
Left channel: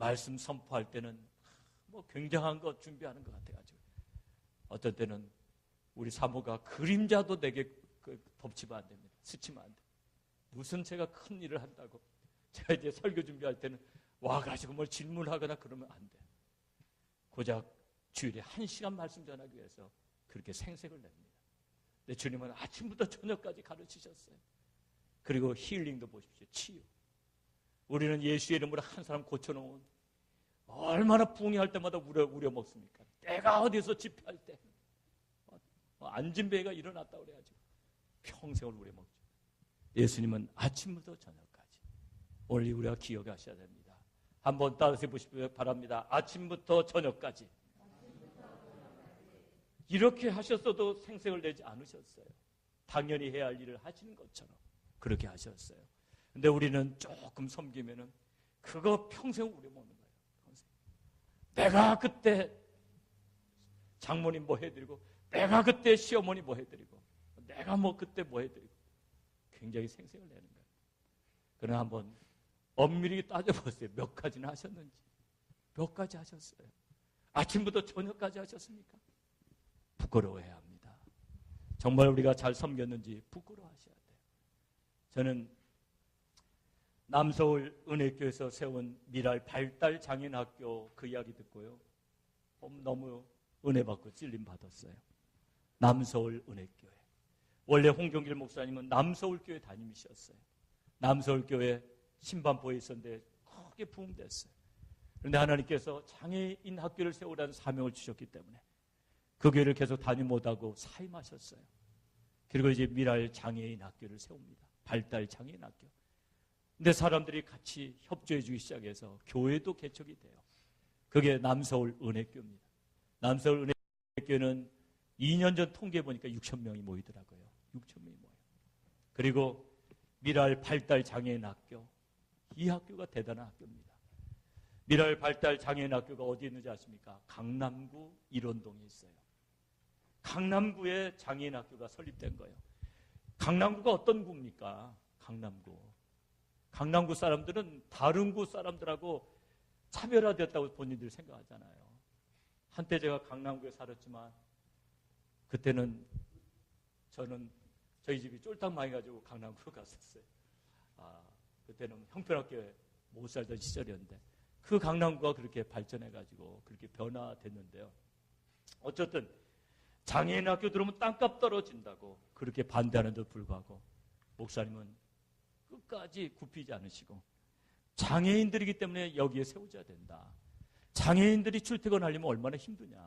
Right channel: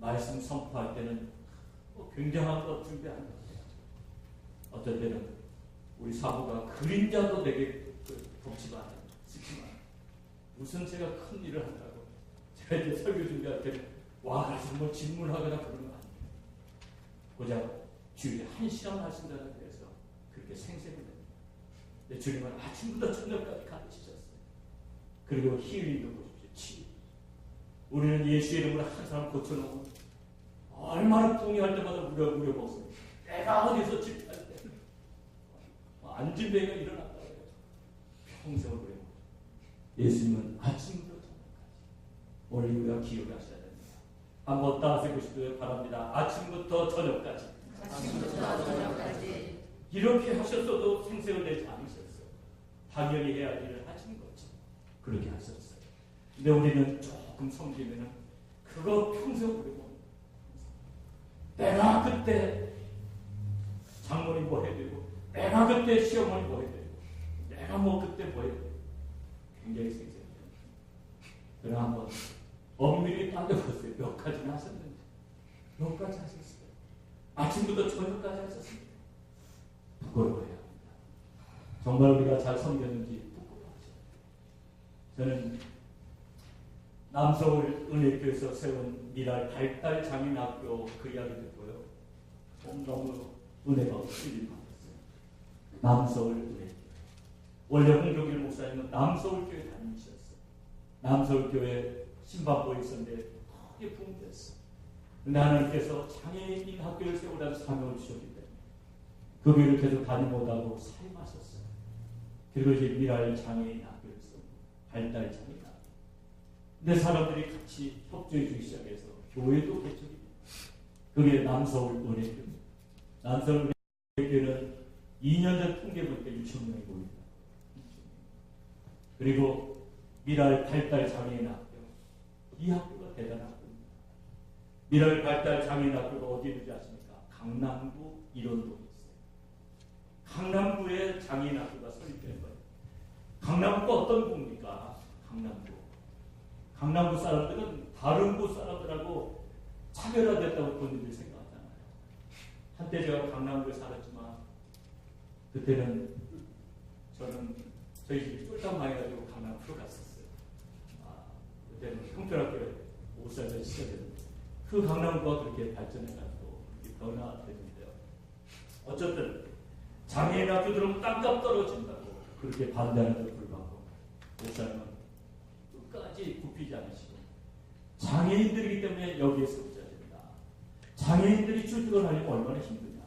말씀 선포할 때는 굉장한 것 준비하는 것 같아요. 어떤 때는 우리 사부가 그림자도 되게 돕지만 스치만 무슨 제가 큰 일을 한다고 제가 이제 설교 준비할 때 와가지고 뭘 질문하거나 그런 거 아니에요. 고작 주일에 1시간 말씀 전하기 위해서 그렇게 생생을 합니다. 근데 주님은 아침부터 저녁까지 가르치셨어요. 그리고 힐링도 보십시오. 치유. 우리는 예수의 이름으로 한 사람 고쳐놓으면 얼마나 붕괴할 때마다 우려 먹습니다. 내가 어디서 집회할 때 안진뱅이가 일어났다고 해요. 평생을 우려 먹죠. 예수님은 아침부터 저녁까지. 원래 우리가 기억하셔야 됩니다. 한번 따라서 보시고요. 바랍니다. 아침부터 저녁까지. 이렇게 하셨어도 생색을 내지 않으셨어요. 당연히 해야 할 일을 하신 거죠. 그렇게 하셨어요. 근데 우리는 조금 섬기면은 그거 평생 우려 먹는 내가 그때 장모님 뭐 해야 되고, 내가 그때 시어머니 뭐 해야 되고, 내가 뭐 그때 뭐 해야 되고, 굉장히 생생해요. 그러나 한번 엄밀하게 따져봤어요. 몇 가지나 하셨는지. 몇 가지 하셨어요. 아침부터 저녁까지 하셨습니다. 부끄러워해야 합니다. 정말 우리가 잘 섬겼는지 부끄러워하셔야 돼요. 저는 남서울 은혜교에서 세운 미랄 발달 장인학교 그 이야기 듣고요. 너무 은혜받고 찔림 받았어요. 남서울 은혜교회. 원래 홍종길 목사님은 남서울교회 다니셨어요. 남서울교회 신방부에 있었는데 크게 붕괴됐어요. 그런데 하나님께서 장애인 학교를 세우라는 사명을 주셨기 때문에 그 교회를 계속 다니 못하고 사임하셨어요. 그리고 이제 미랄 장애인 학교를 세웁니다. 발달 장애인 학교. 근데 사람들이 같이 협조해 주기 시작해서 교회도 개척이 돼요. 그게 남서울 은혜교입니다. 남서울 은혜교회는 2년 전 통계 보니까 6천 명이 모이더라고요. 6천 명. 그리고 미랄 발달 장애인 학교. 이 학교가 대단한 학교입니다. 미랄 발달 장애인 학교가 어디에 있는지 아십니까? 강남구 일원동에 있어요. 강남구에 장애인 학교가 설립된 거예요. 강남구가 어떤 구입니까? 강남구. 강남구 사람들은 다른 구 사람들하고 차별화됐다고 본인들이 생각하잖아요. 한때 제가 강남구에 살았지만 그때는 저는 저희 집이 쫄딱 많이 가지고 강남구로 갔었어요. 그때는 형편없게 못 살던 시절이었는데 그 강남구가 그렇게 발전해가지고 그렇게 변화가 됐는데요. 어쨌든 장애인 학교 들어오면 땅값 떨어진다고 그렇게 반대하는데도 불구하고 목사님은 끝까지 굽히지 않으시고 장애인들이기 때문에 여기에 세워져야 된다. 장애인들이 출퇴근하려면 얼마나 힘드냐.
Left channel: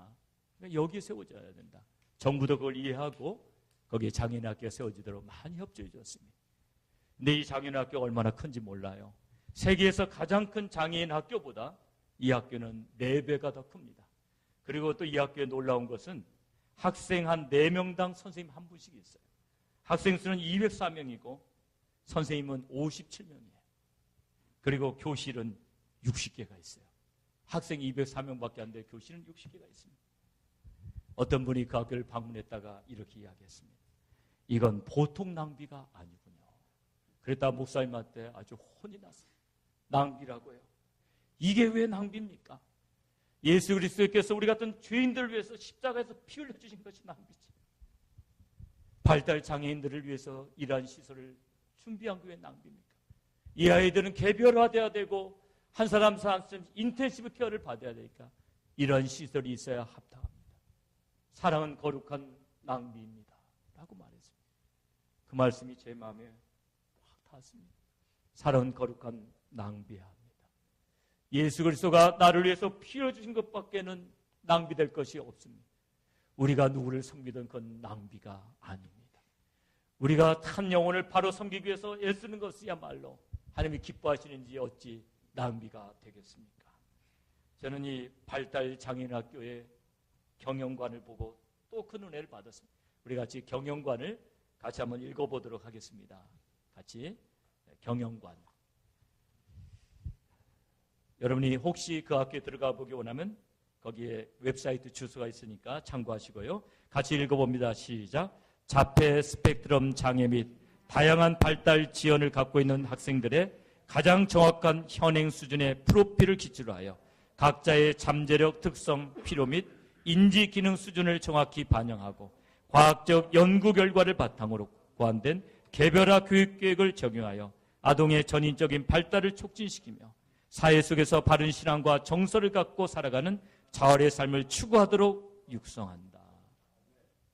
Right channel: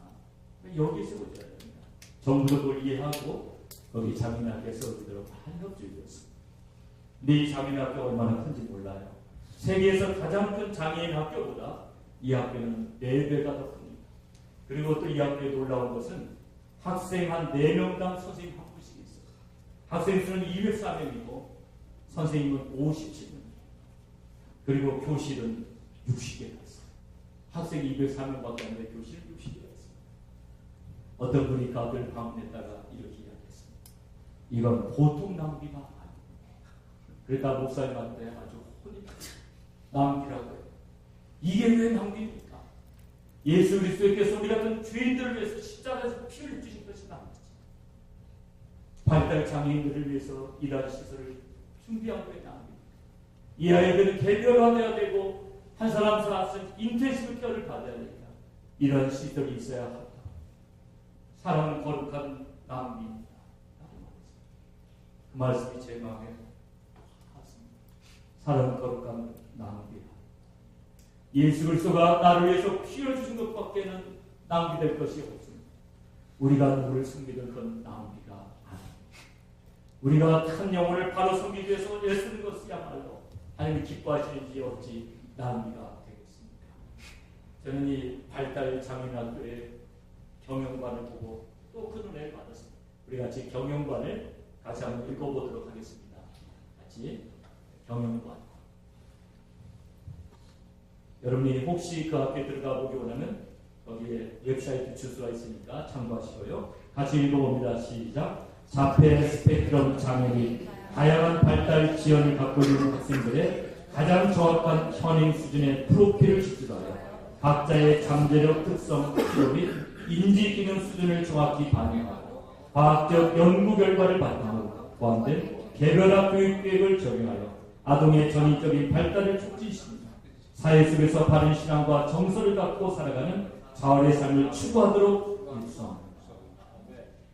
여기에 세워져야 된다. 정부도 그걸 이해하고 거기에 장애인 학교가 세워지도록 많이 협조해 줬습니다. 근데 이 장애인 학교가 얼마나 큰지 몰라요. 세계에서 가장 큰 장애인 학교보다 이 학교는 4배가 더 큽니다. 그리고 또 이 학교에 놀라운 것은 학생 한 4명당 선생님 한 분씩 있어요. 학생 수는 204명이고 선생님은 57명이에요. 그리고 교실은 60개가 있어요. 학생 204명밖에 안 되는데 교실은 60개가 있습니다. 어떤 분이 그 학교를 방문했다가 이렇게 이야기했습니다. 이건 보통 낭비가 아닙니다. 그랬다 목사님한테 아주 혼이 났어요. 낭비라고 해요. 이게 왜 낭비입니까? 예수 그리스도께서 우리 같은 죄인들을 위해서 십자가에서 피 흘려주신 것이 낭비지. 발달 장애인들을 위해서 일할 시설을 준비한 거에 낭비입니다. 이 아이들은 개별화되어야 되고 한 사람 인텐시브 케어를 받아야 되니까 이런 시설이 있어야 한다. 사랑은 거룩한 낭비입니다. 라고 말했습니다. 그 말씀이 제 마음에 닿았습니다. 사랑은 거룩한 낭비야. 예수 그리스도가 나를 위해서 피 흘려주신 것밖에는 낭비될 것이 없습니다. 우리가 누구를 숨기든 그건 낭비가 아닙니다. 우리가 한 영혼을 바로 숨기기 위해서 애쓰는 것이야말로 하나님이 기뻐하시는지 어찌 낭비가 되겠습니까? 저는 이 발달 장애인 학교의 경영관을 보고 또 큰 은혜를 받았습니다. 우리 같이 경영관을 같이 한번 읽어보도록 하겠습니다. 같이 경영관. 여러분이 혹시 그 학교에 들어가 보기 원하면 거기에 웹사이트 주소가 있으니까 참고하시고요. 같이 읽어봅니다. 시작. 자폐 스펙트럼 장애 및 다양한 발달 지연을 갖고 있는 학생들의 가장 정확한 현행 수준의 프로필을 기초로 하여 각자의 잠재력, 특성, 필요 및 인지 기능 수준을 정확히 반영하고 과학적 연구 결과를 바탕으로 포함된 개별화 교육 계획을 적용하여 아동의 전인적인 발달을 촉진시킵니다. 사회 속에서 바른 신앙과 정서를 갖고 살아가는 자활의 삶을 추구하도록 육성합니다.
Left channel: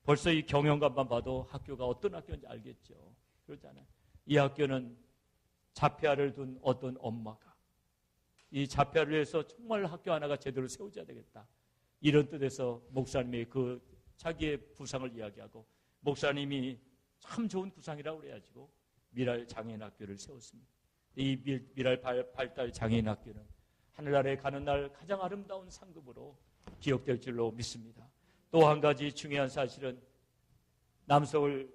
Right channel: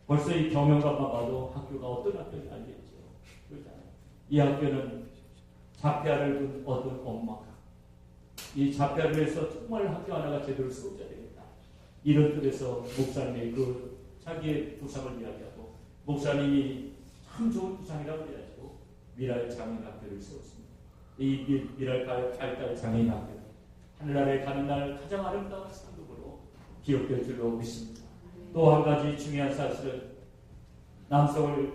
벌써 이 경영관만 봐도 학교가 어떤 학교인지 알겠죠. 그렇잖아요. 이 학교는 자폐아를 둔 어떤 엄마가 이 자폐아를 위해서 정말 학교 하나가 제대로 세워져야 되겠다. 이런 뜻에서 목사님이 그 자기의 부상을 이야기하고 목사님이 참 좋은 부상이라고 해가지고 미랄 장애인 학교를 세웠습니다. 이 미랄 발달 장애인 학교는 하늘나라에 가는 날 가장 아름다운 상급으로 기억될 줄로 믿습니다. 또 한 가지 중요한 사실은 남서울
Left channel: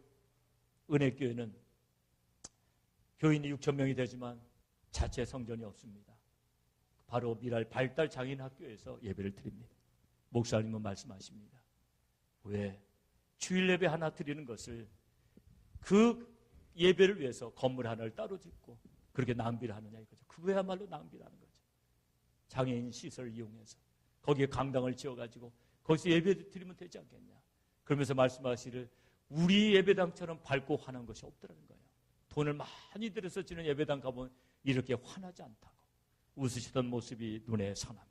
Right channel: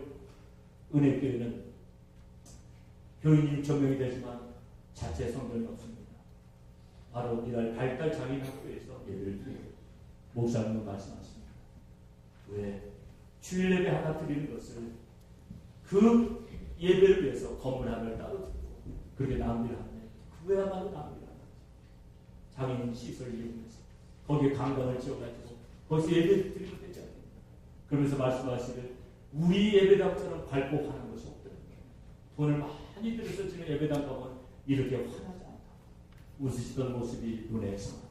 은혜교회는 교인이 6,000명이 되지만 자체 성전이 없습니다. 바로 미랄 발달 장애인 학교에서 예배를 드려요. 목사님은 말씀하십니다. 왜 주일 예배 하나 드리는 것을 그 예배를 위해서 건물 하나를 따로 드리고 그렇게 낭비를 하느냐. 그 외야말로 낭비를 하는 거죠. 장애인 시설을 이용해서 거기에 강당을 지어가지고 거기서 예배를 드리면 되지 않겠냐. 그러면서 말씀하시는 우리 예배당처럼 밝고 환한 것이 없다는 거예요. 돈을 많이 들여서 지는 예배당 가면 이렇게 환하지 않다. 웃으시던 모습이 눈에 상합니다.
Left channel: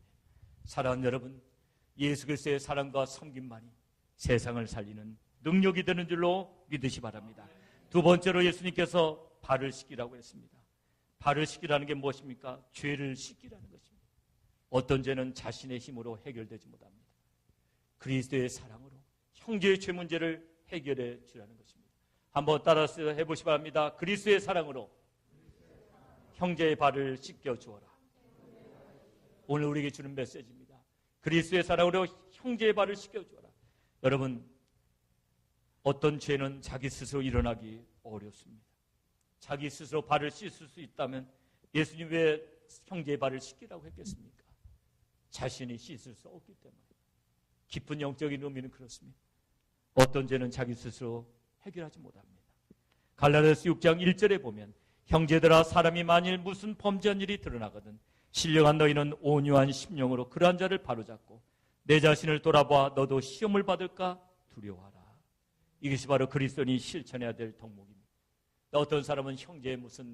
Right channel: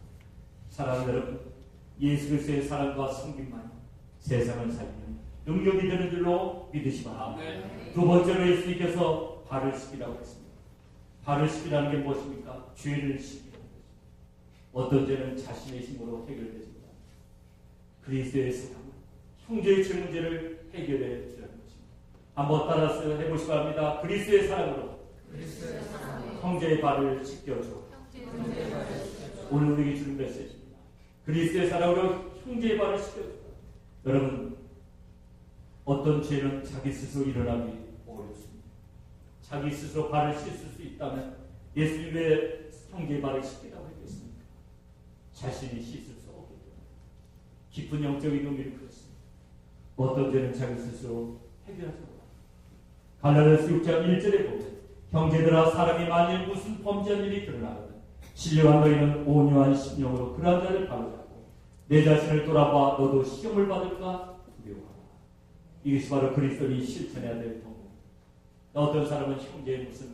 사랑하는 여러분, 예수 그리스도의 사랑과 섬김만이 세상을 살리는 능력이 되는 줄로 믿으시 바랍니다. 두 번째로 예수님께서 발을 씻기라고 했습니다. 발을 씻기라는 게 무엇입니까? 죄를 씻기라는 것입니다. 어떤 죄는 자신의 힘으로 해결되지 못합니다. 그리스도의 사랑은 형제의 죄 문제를 해결해 주라는 것입니다. 한번 따라서 해보시기 바랍니다. 그리스도의 사랑으로 형제의 발을 씻겨줘. 오늘 우리에게 주는 메시지입니다. 그리스도의 사랑으로 형제의 발을 씻겨줘. 여러분, 어떤 죄는 자기 스스로 일어나기 어렵습니다. 자기 스스로 발을 씻을 수 있다면 예수님 왜 형제의 발을 씻기라고 했겠습니까? 자신이 씻을 수 없기 때문에. 깊은 영적인 동기는 그렇습니다. 어떤 죄는 자기 스스로 해결하지 못합니다. 갈라디아서 6장 1절에 보면 형제들아 사람이 만일 무슨 범죄한 일이 드러나거든 신령한 너희는 온유한 심령으로 그러한 자를 바로잡고 내 자신을 돌아봐 너도 시험을 받을까 두려워하라. 이것이 바로 그리스도인이 실천해야 될 방법입니다. 어떤 사람은 형제의 무슨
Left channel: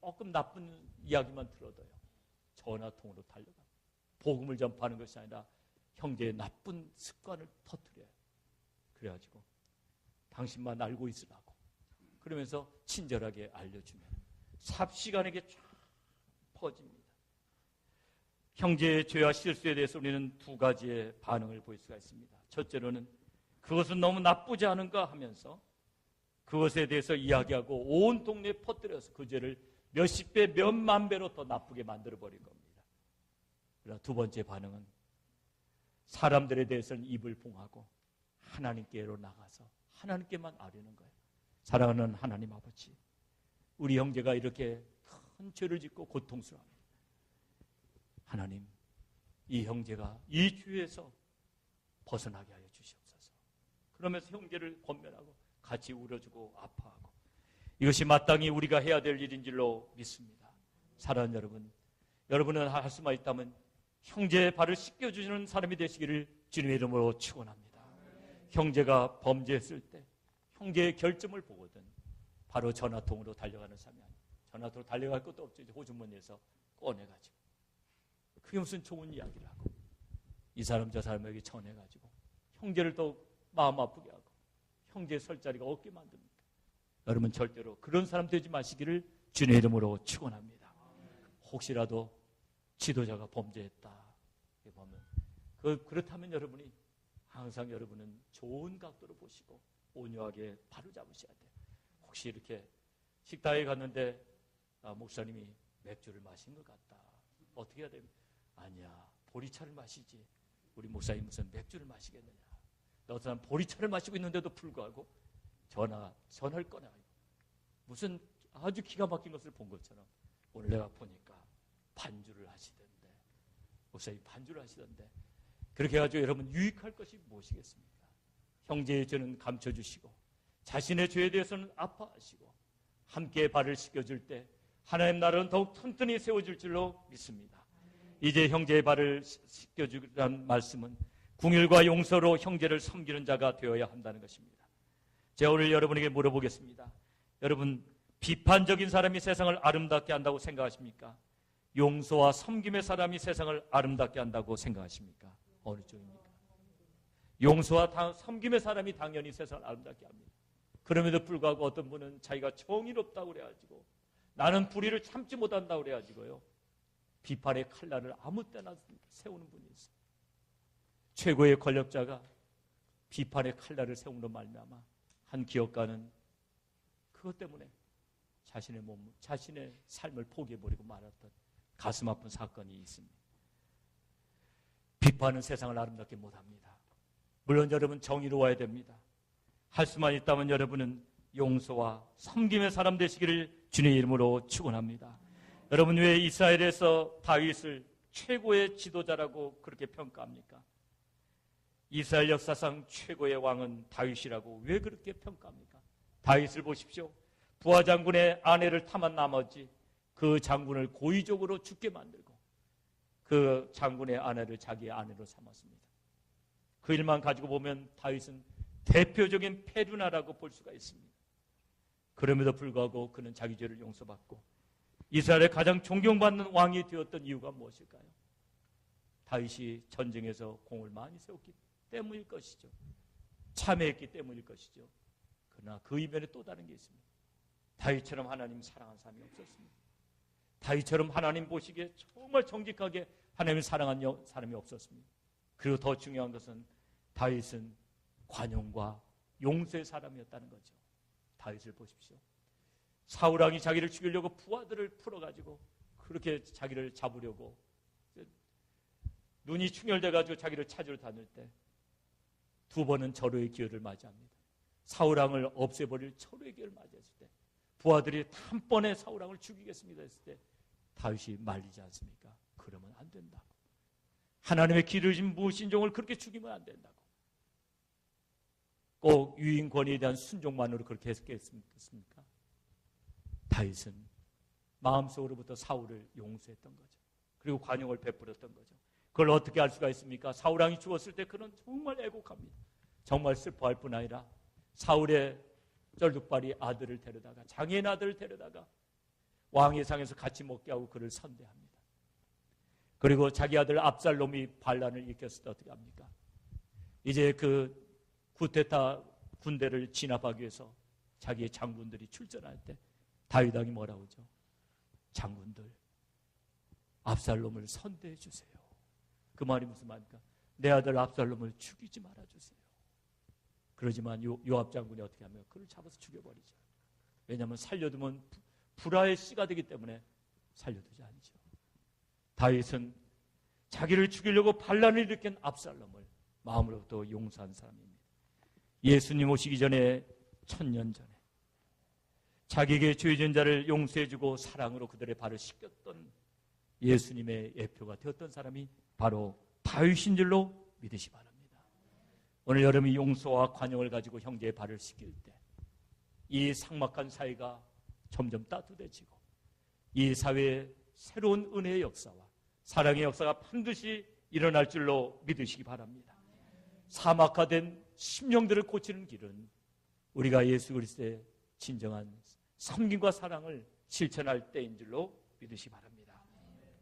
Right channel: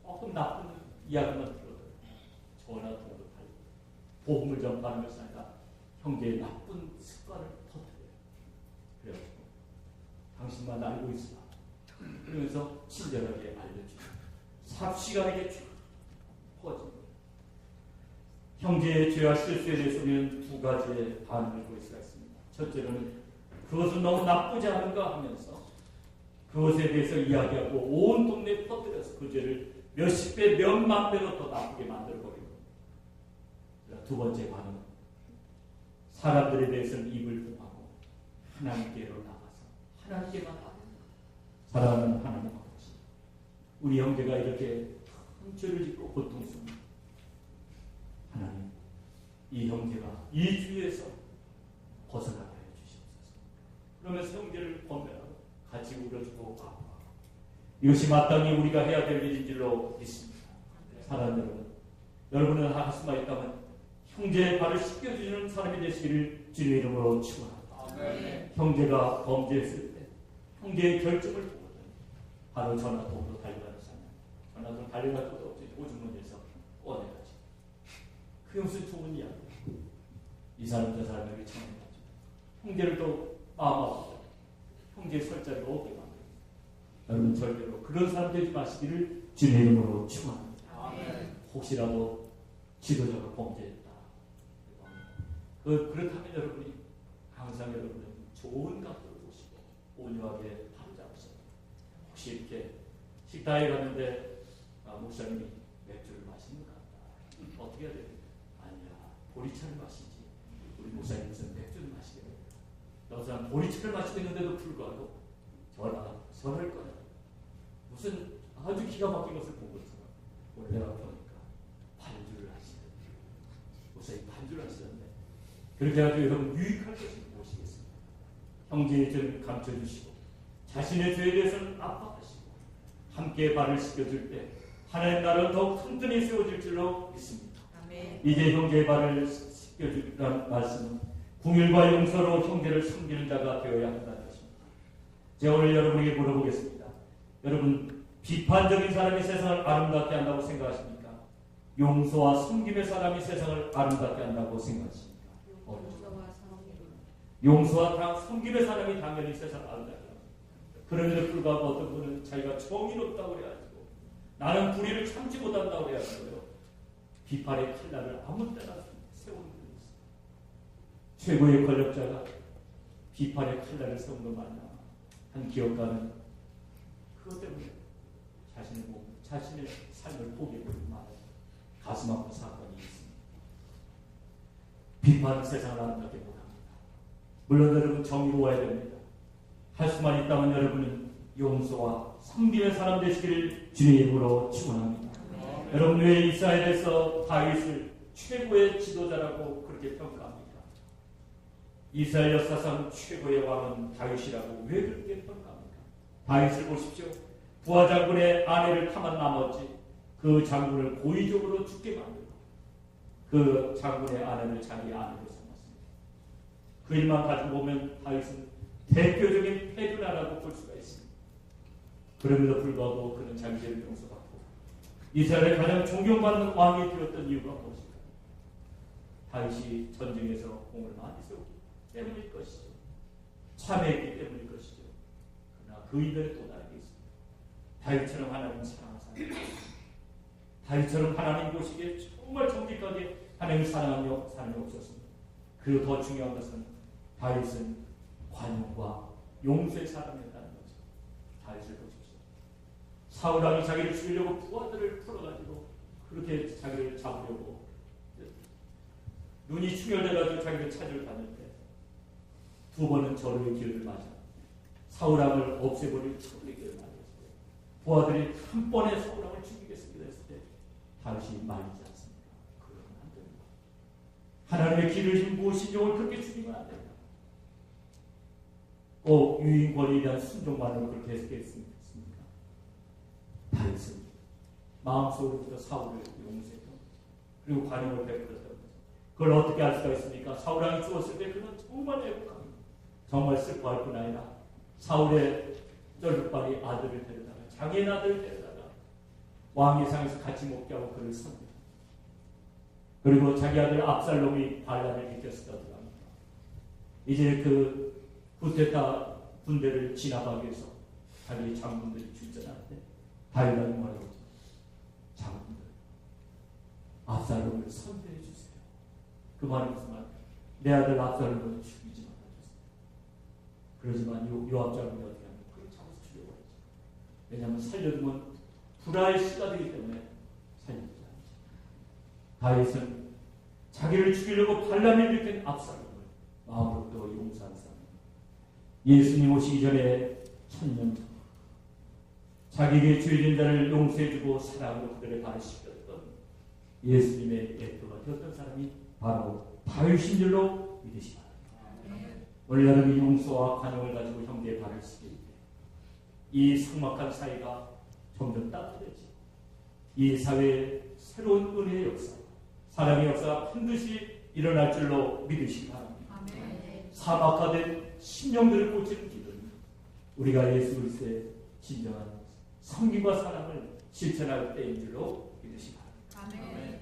조금 나쁜 이야기만 들어도 전화 통으로 달리고 복음을 전파하는 것이 아니라 형제의 나쁜 습관을 터뜨려요. 그래가지고 당신만 알고 있으라. 그러면서 친절하게 알려주고 삽시간에게 쭉 퍼집니다. 형제의 죄와 실수에 대해서 우리는 두 가지의 반응을 보일 수가 있습니다. 첫째로는 그것은 너무 나쁘지 않은가 하면서 그것에 대해서 이야기하고 온 동네에 퍼뜨려서 그 죄를 몇십 배, 몇만 배로 더 나쁘게 만들어버리는 겁니다. 두 번째 반응은 사람들에 대해서는 입을 봉하고 하나님께로 나가서 하나님께만 아뢰는 거예요. 사랑하는 하나님 아버지, 우리 형제가 이렇게 큰 죄를 짓고 고통스럽습니다. 하나님, 이 형제가 이 죄에서 벗어나게 하여 주시옵소서. 그러면서 형제를 범죄하고 같이 울어주고 아파하고 이것이 마땅히 우리가 해야 될 일인 줄로 믿습니다. 사랑하는 여러분, 여러분은 할 수만 있다면 형제의 발을 씻겨주시는 사람이 되시기를 주님의 이름으로 축원합니다. 형제가 범죄했을 때 형제의 결정을 보거든 바로 전화통으로 달려가는 사람. 전화통으로 달려갈 것도 없지. 오줌문에서 꺼내가지. 그게 무슨 좋은 이야기야. 이 사람 저 사람에게 전해가지고 형제를 또 마음 아프다. 형제 설 자리가 없게 만들어. 여러분 절대로 그런 사람 되지 마시기를 주님의 이름으로 축원합니다. 혹시라도 지도자가 범죄했다. 그렇다면 여러분이 항상 여러분은 좋은 각도를 보시고 온유하게 바로잡으셔야 돼요. 혹시 이렇게 식당에 갔는데 목사님이 맥주를 마시는 것 같다. 어떻게 해야 돼요? 아니야, 보리차를 마시지. 우리 목사님은 맥주를 마시게 돼요. 어떤 사람 보리차를 마시고 있는데도 불구하고 전화를 꺼내. 무슨 아주 기가 막힌 것을 본 것처럼 오늘 내가 보니까 반주를 하시던데. 목사님이 반주를 하시던데. 그렇게 해가지고 여러분 유익할 것을 모시겠습니다. 형제의 죄를 감춰주시고 자신의 죄에 대해서는 아파하시고 함께 발을 씻겨줄 때 하나님 나라가 더욱 튼튼히 세워질 줄로 믿습니다. 아멘. 이제 형제의 발을 씻겨주라는 말씀은 궁일과 용서로 형제를 섬기는 자가 되어야 한다는 것입니다. 제가 오늘 여러분에게 물어보겠습니다. 여러분, 비판적인 사람이 세상을 아름답게 한다고 생각하십니까? 용서와 섬김의 사람이 세상을 아름답게 한다고 생각하십니까? 용서와 섬김의 사람이 당연히 세상을 아름답게 합니다. 그럼에도 불구하고 어떤 분은 자기가 정의롭다고 그래가지고 나는 불의를 참지 못한다고 그래가지고요, 비판의 칼날을 아무 때나 세우는 분이 있습니다. 최고의 권력자가 비판의 칼날을 세우는 말이나 한 기업가는 그것 때문에 자신의 삶을 포기해버리고 말하는 가슴 아픈 사건이 있습니다. 비판은 세상을 아름답게 못합니다. 물론 여러분 정의로워야 됩니다. 할 수만 있다면 여러분은 용서와 섬김의 사람 되시기를 주님의 이름으로 축원합니다. 여러분, 왜 이스라엘에서 다윗을 최고의 지도자라고 그렇게 평가합니까? 이스라엘 역사상 최고의 왕은 다윗이라고 왜 그렇게 평가합니까? 다윗을 보십시오. 부하 장군의 아내를 탐한 나머지 그 장군을 고의적으로 죽게 만들고 그 장군의 아내를 자기 아내로 삼았습니다. 그 일만 가지고 보면 다윗은 대표적인 패륜아라고 볼 수가 있습니다. 그럼에도 불구하고 그는 자기 죄를 용서받고 이스라엘의 가장 존경받는 왕이 되었던 이유가 무엇일까요? 다윗이 전쟁에서 공을 많이 세우기 때문일 것이죠. 참회했기 때문일 것이죠. 그러나 그 이면에 또 다른 게 있습니다. 다윗처럼 하나님 사랑하는 사람이 없습니다. 다윗처럼 하나님 보시기에 정말 정직하게 하나님 사랑하는 사람이 없었습니다. 그리고 더 중요한 것은 다윗은 관용과 용서의 사람이었다는 거죠. 다윗을 보십시오. 사울왕이 자기를 죽이려고 부하들을 풀어가지고 그렇게 자기를 잡으려고 눈이 충혈돼가지고 자기를 찾으러 갔는데 두 번은 절호의 기회를 맞아 사울왕을 없애버릴 절호의 기회를 맞았을 때 부하들이 한 번에 사울왕을 죽이겠습니다 했을 때 다윗이 말리지 않습니까? 그러면 안 된다. 하나님의 기르신 무신종을 그렇게 죽이면 안 된다. 꼭 유인 권리에 대한 순종만을 그렇게 해석했습니까? 다윗은 마음속으로부터 사울을 용서했던 거죠. 그리고 관용을 베풀었던 거죠. 그걸 어떻게 알 수가 있습니까? 사울왕이 죽었을 때 그는 정말 애국합니다. 정말 슬퍼할 뿐 아니라 사울의 쩔뚝발이 아들을 데려다가 장인 아들을 데려다가 왕의 상에서 같이 먹게 하고 그를 섬깁니다. 그리고 자기 아들 압살롬이 반란을 일으켜서 떠들어갑니다. 이제 그 쿠데타 군대를 진압하기 위해서 자기 장군들이 출전할 때 다윗은 뭐라고 하죠? 장군들, 압살롬을 선대해 주세요. 그 말이 무슨 말일까? 내 아들 압살롬을 죽이지 말아주세요. 그러지만 요압 장군이 어떻게 하면 그를 잡아서 죽여버리죠. 왜냐하면 살려두면 불화의 씨가 되기 때문에 살려두지 않죠. 다윗은 자기를 죽이려고 반란을 일으킨 압살롬을 마음으로부터 용서한 사람입니다. 예수님 오시기 전에 1000년 전 자기에게 죄진 자를 용서해주고 사랑으로 그들의 발을 씻겼던 예수님의 대표가 되었던 사람이 바로 다윗인 줄로 믿으시 바랍니다. 오늘 여러분이 용서와 관용을 가지고 형제의 발을 씻길 때 이 삭막한 사회가 점점 따뜻해지고 이 사회에 새로운 은혜의 역사, 사랑의 역사가 반드시 일어날 줄로 믿으시기 바랍니다. 사막화된 심령들을 고치는 길은 우리가 예수 그리스도의 진정한 섬김과 사랑을 실천할 때인 줄로 믿으시기 바랍니다. 아멘.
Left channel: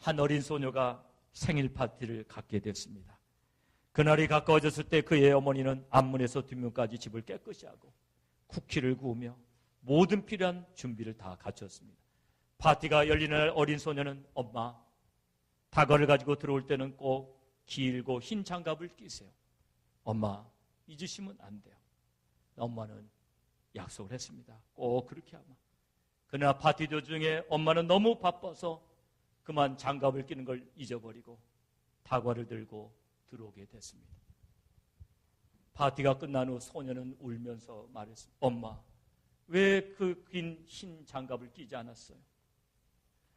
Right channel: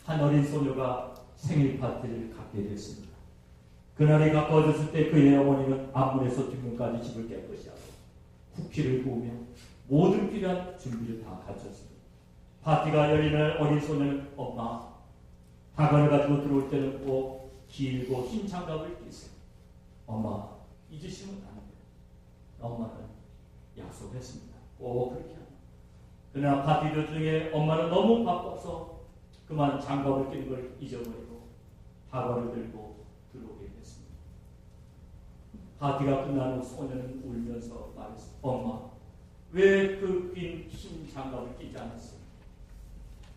한 어린 소녀가 생일 파티를 갖게 됐습니다. 그날이 가까워졌을 때 그의 어머니는 앞문에서 뒷문까지 집을 깨끗이 하고 쿠키를 구우며 모든 필요한 준비를 다 갖췄습니다. 파티가 열리는 날 어린 소녀는 엄마, 다가를 가지고 들어올 때는 꼭 길고 흰 장갑을 끼세요. 엄마, 잊으시면 안 돼요. 엄마는 약속을 했습니다. 꼭 그렇게 합니다. 그러나 파티 도중에 엄마는 너무 바빠서 그만 장갑을 끼는 걸 잊어버리고 다과를 들고 들어오게 됐습니다. 파티가 끝난 후 소녀는 울면서 말했습니다. 엄마, 왜 그 긴 흰 장갑을 끼지 않았어요?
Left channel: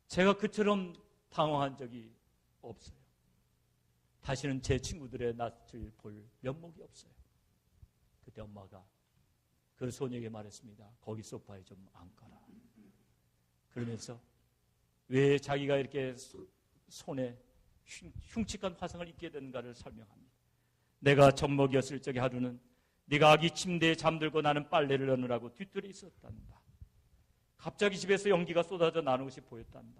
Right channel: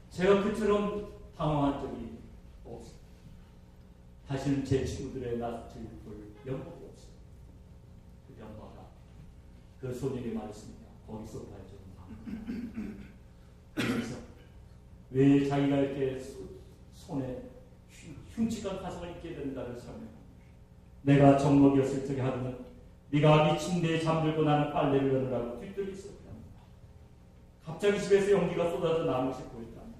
제가 그처럼 당황한 적이 없어요. 다시는 제 친구들의 낯을 볼 면목이 없어요. 그때 엄마가 그 소녀에게 말했습니다. 거기 소파에 좀 앉아. 그래서 왜 자기가 이렇게 손에 흉측한 가슴을 입게 되는가를 설명합니다. 내가 젖먹이었을 적에 하루는 네가 아기 침대에 잠들고 나는 빨래를 넣느라고 뒤뜰이 있었단다. 갑자기 집에서 연기가 쏟아져 나는 것이 보였단다.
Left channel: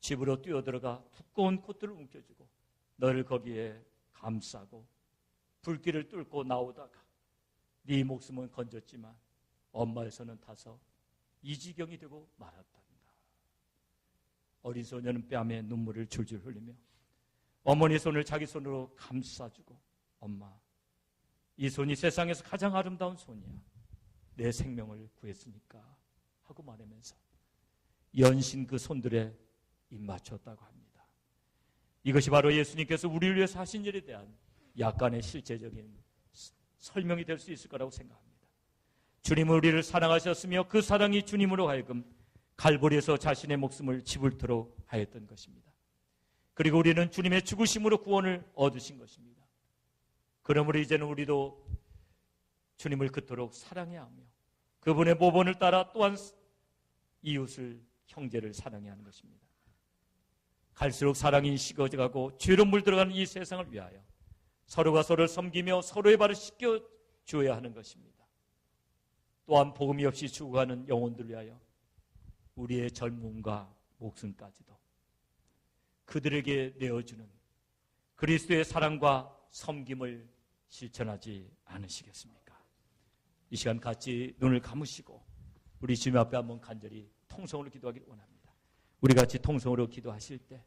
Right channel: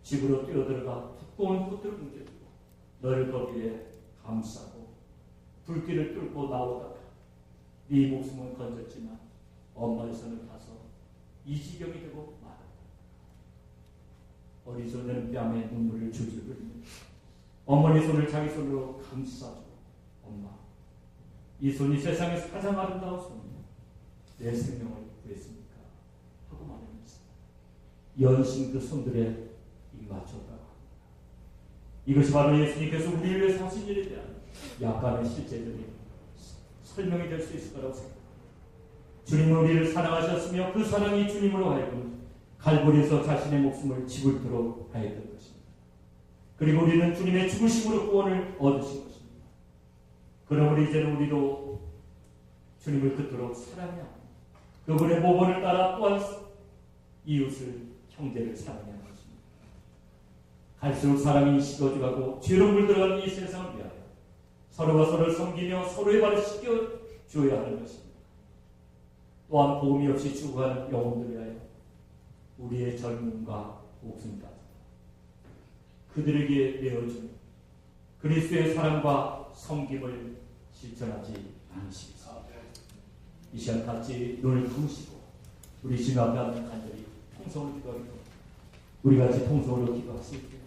집으로 뛰어들어가 두꺼운 코트를 뭉개주고 너를 거기에 감싸고 불길을 뚫고 나오다가 네 목숨은 건졌지만 엄마의 손을 타서 이 지경이 되고 말았다. 어린 소녀는 뺨에 눈물을 줄줄 흘리며 어머니 손을 자기 손으로 감싸주고 엄마, 이 손이 세상에서 가장 아름다운 손이야. 내 생명을 구했으니까 하고 말하면서 연신 그 손들에 입 맞췄다고 합니다. 이것이 바로 예수님께서 우리를 위해서 하신 일에 대한 약간의 실제적인 설명이 될 수 있을 거라고 생각합니다. 주님은 우리를 사랑하셨으며 그 사랑이 주님으로 하여금 갈보리에서 자신의 목숨을 지불토록 하였던 것입니다. 그리고 우리는 주님의 죽으심으로 구원을 얻으신 것입니다. 그러므로 이제는 우리도 주님을 그토록 사랑해야 합니다. 그분의 모본을 따라 또한 이웃을, 형제를 사랑해야 하는 것입니다. 갈수록 사랑이 식어져가고 죄로 물들어가는 이 세상을 위하여 서로가 서로를 섬기며 서로의 발을 씻겨주어야 하는 것입니다. 또한 복음이 없이 죽어가는 영혼들 위하여 우리의 젊음과 목숨까지도 그들에게 내어주는 그리스도의 사랑과 섬김을 실천하지 않으시겠습니까? 이 시간 같이 눈을 감으시고 우리 주님 앞에 간절히 통성으로 기도하겠습니다. 우리 같이 통성으로 기도하실게요.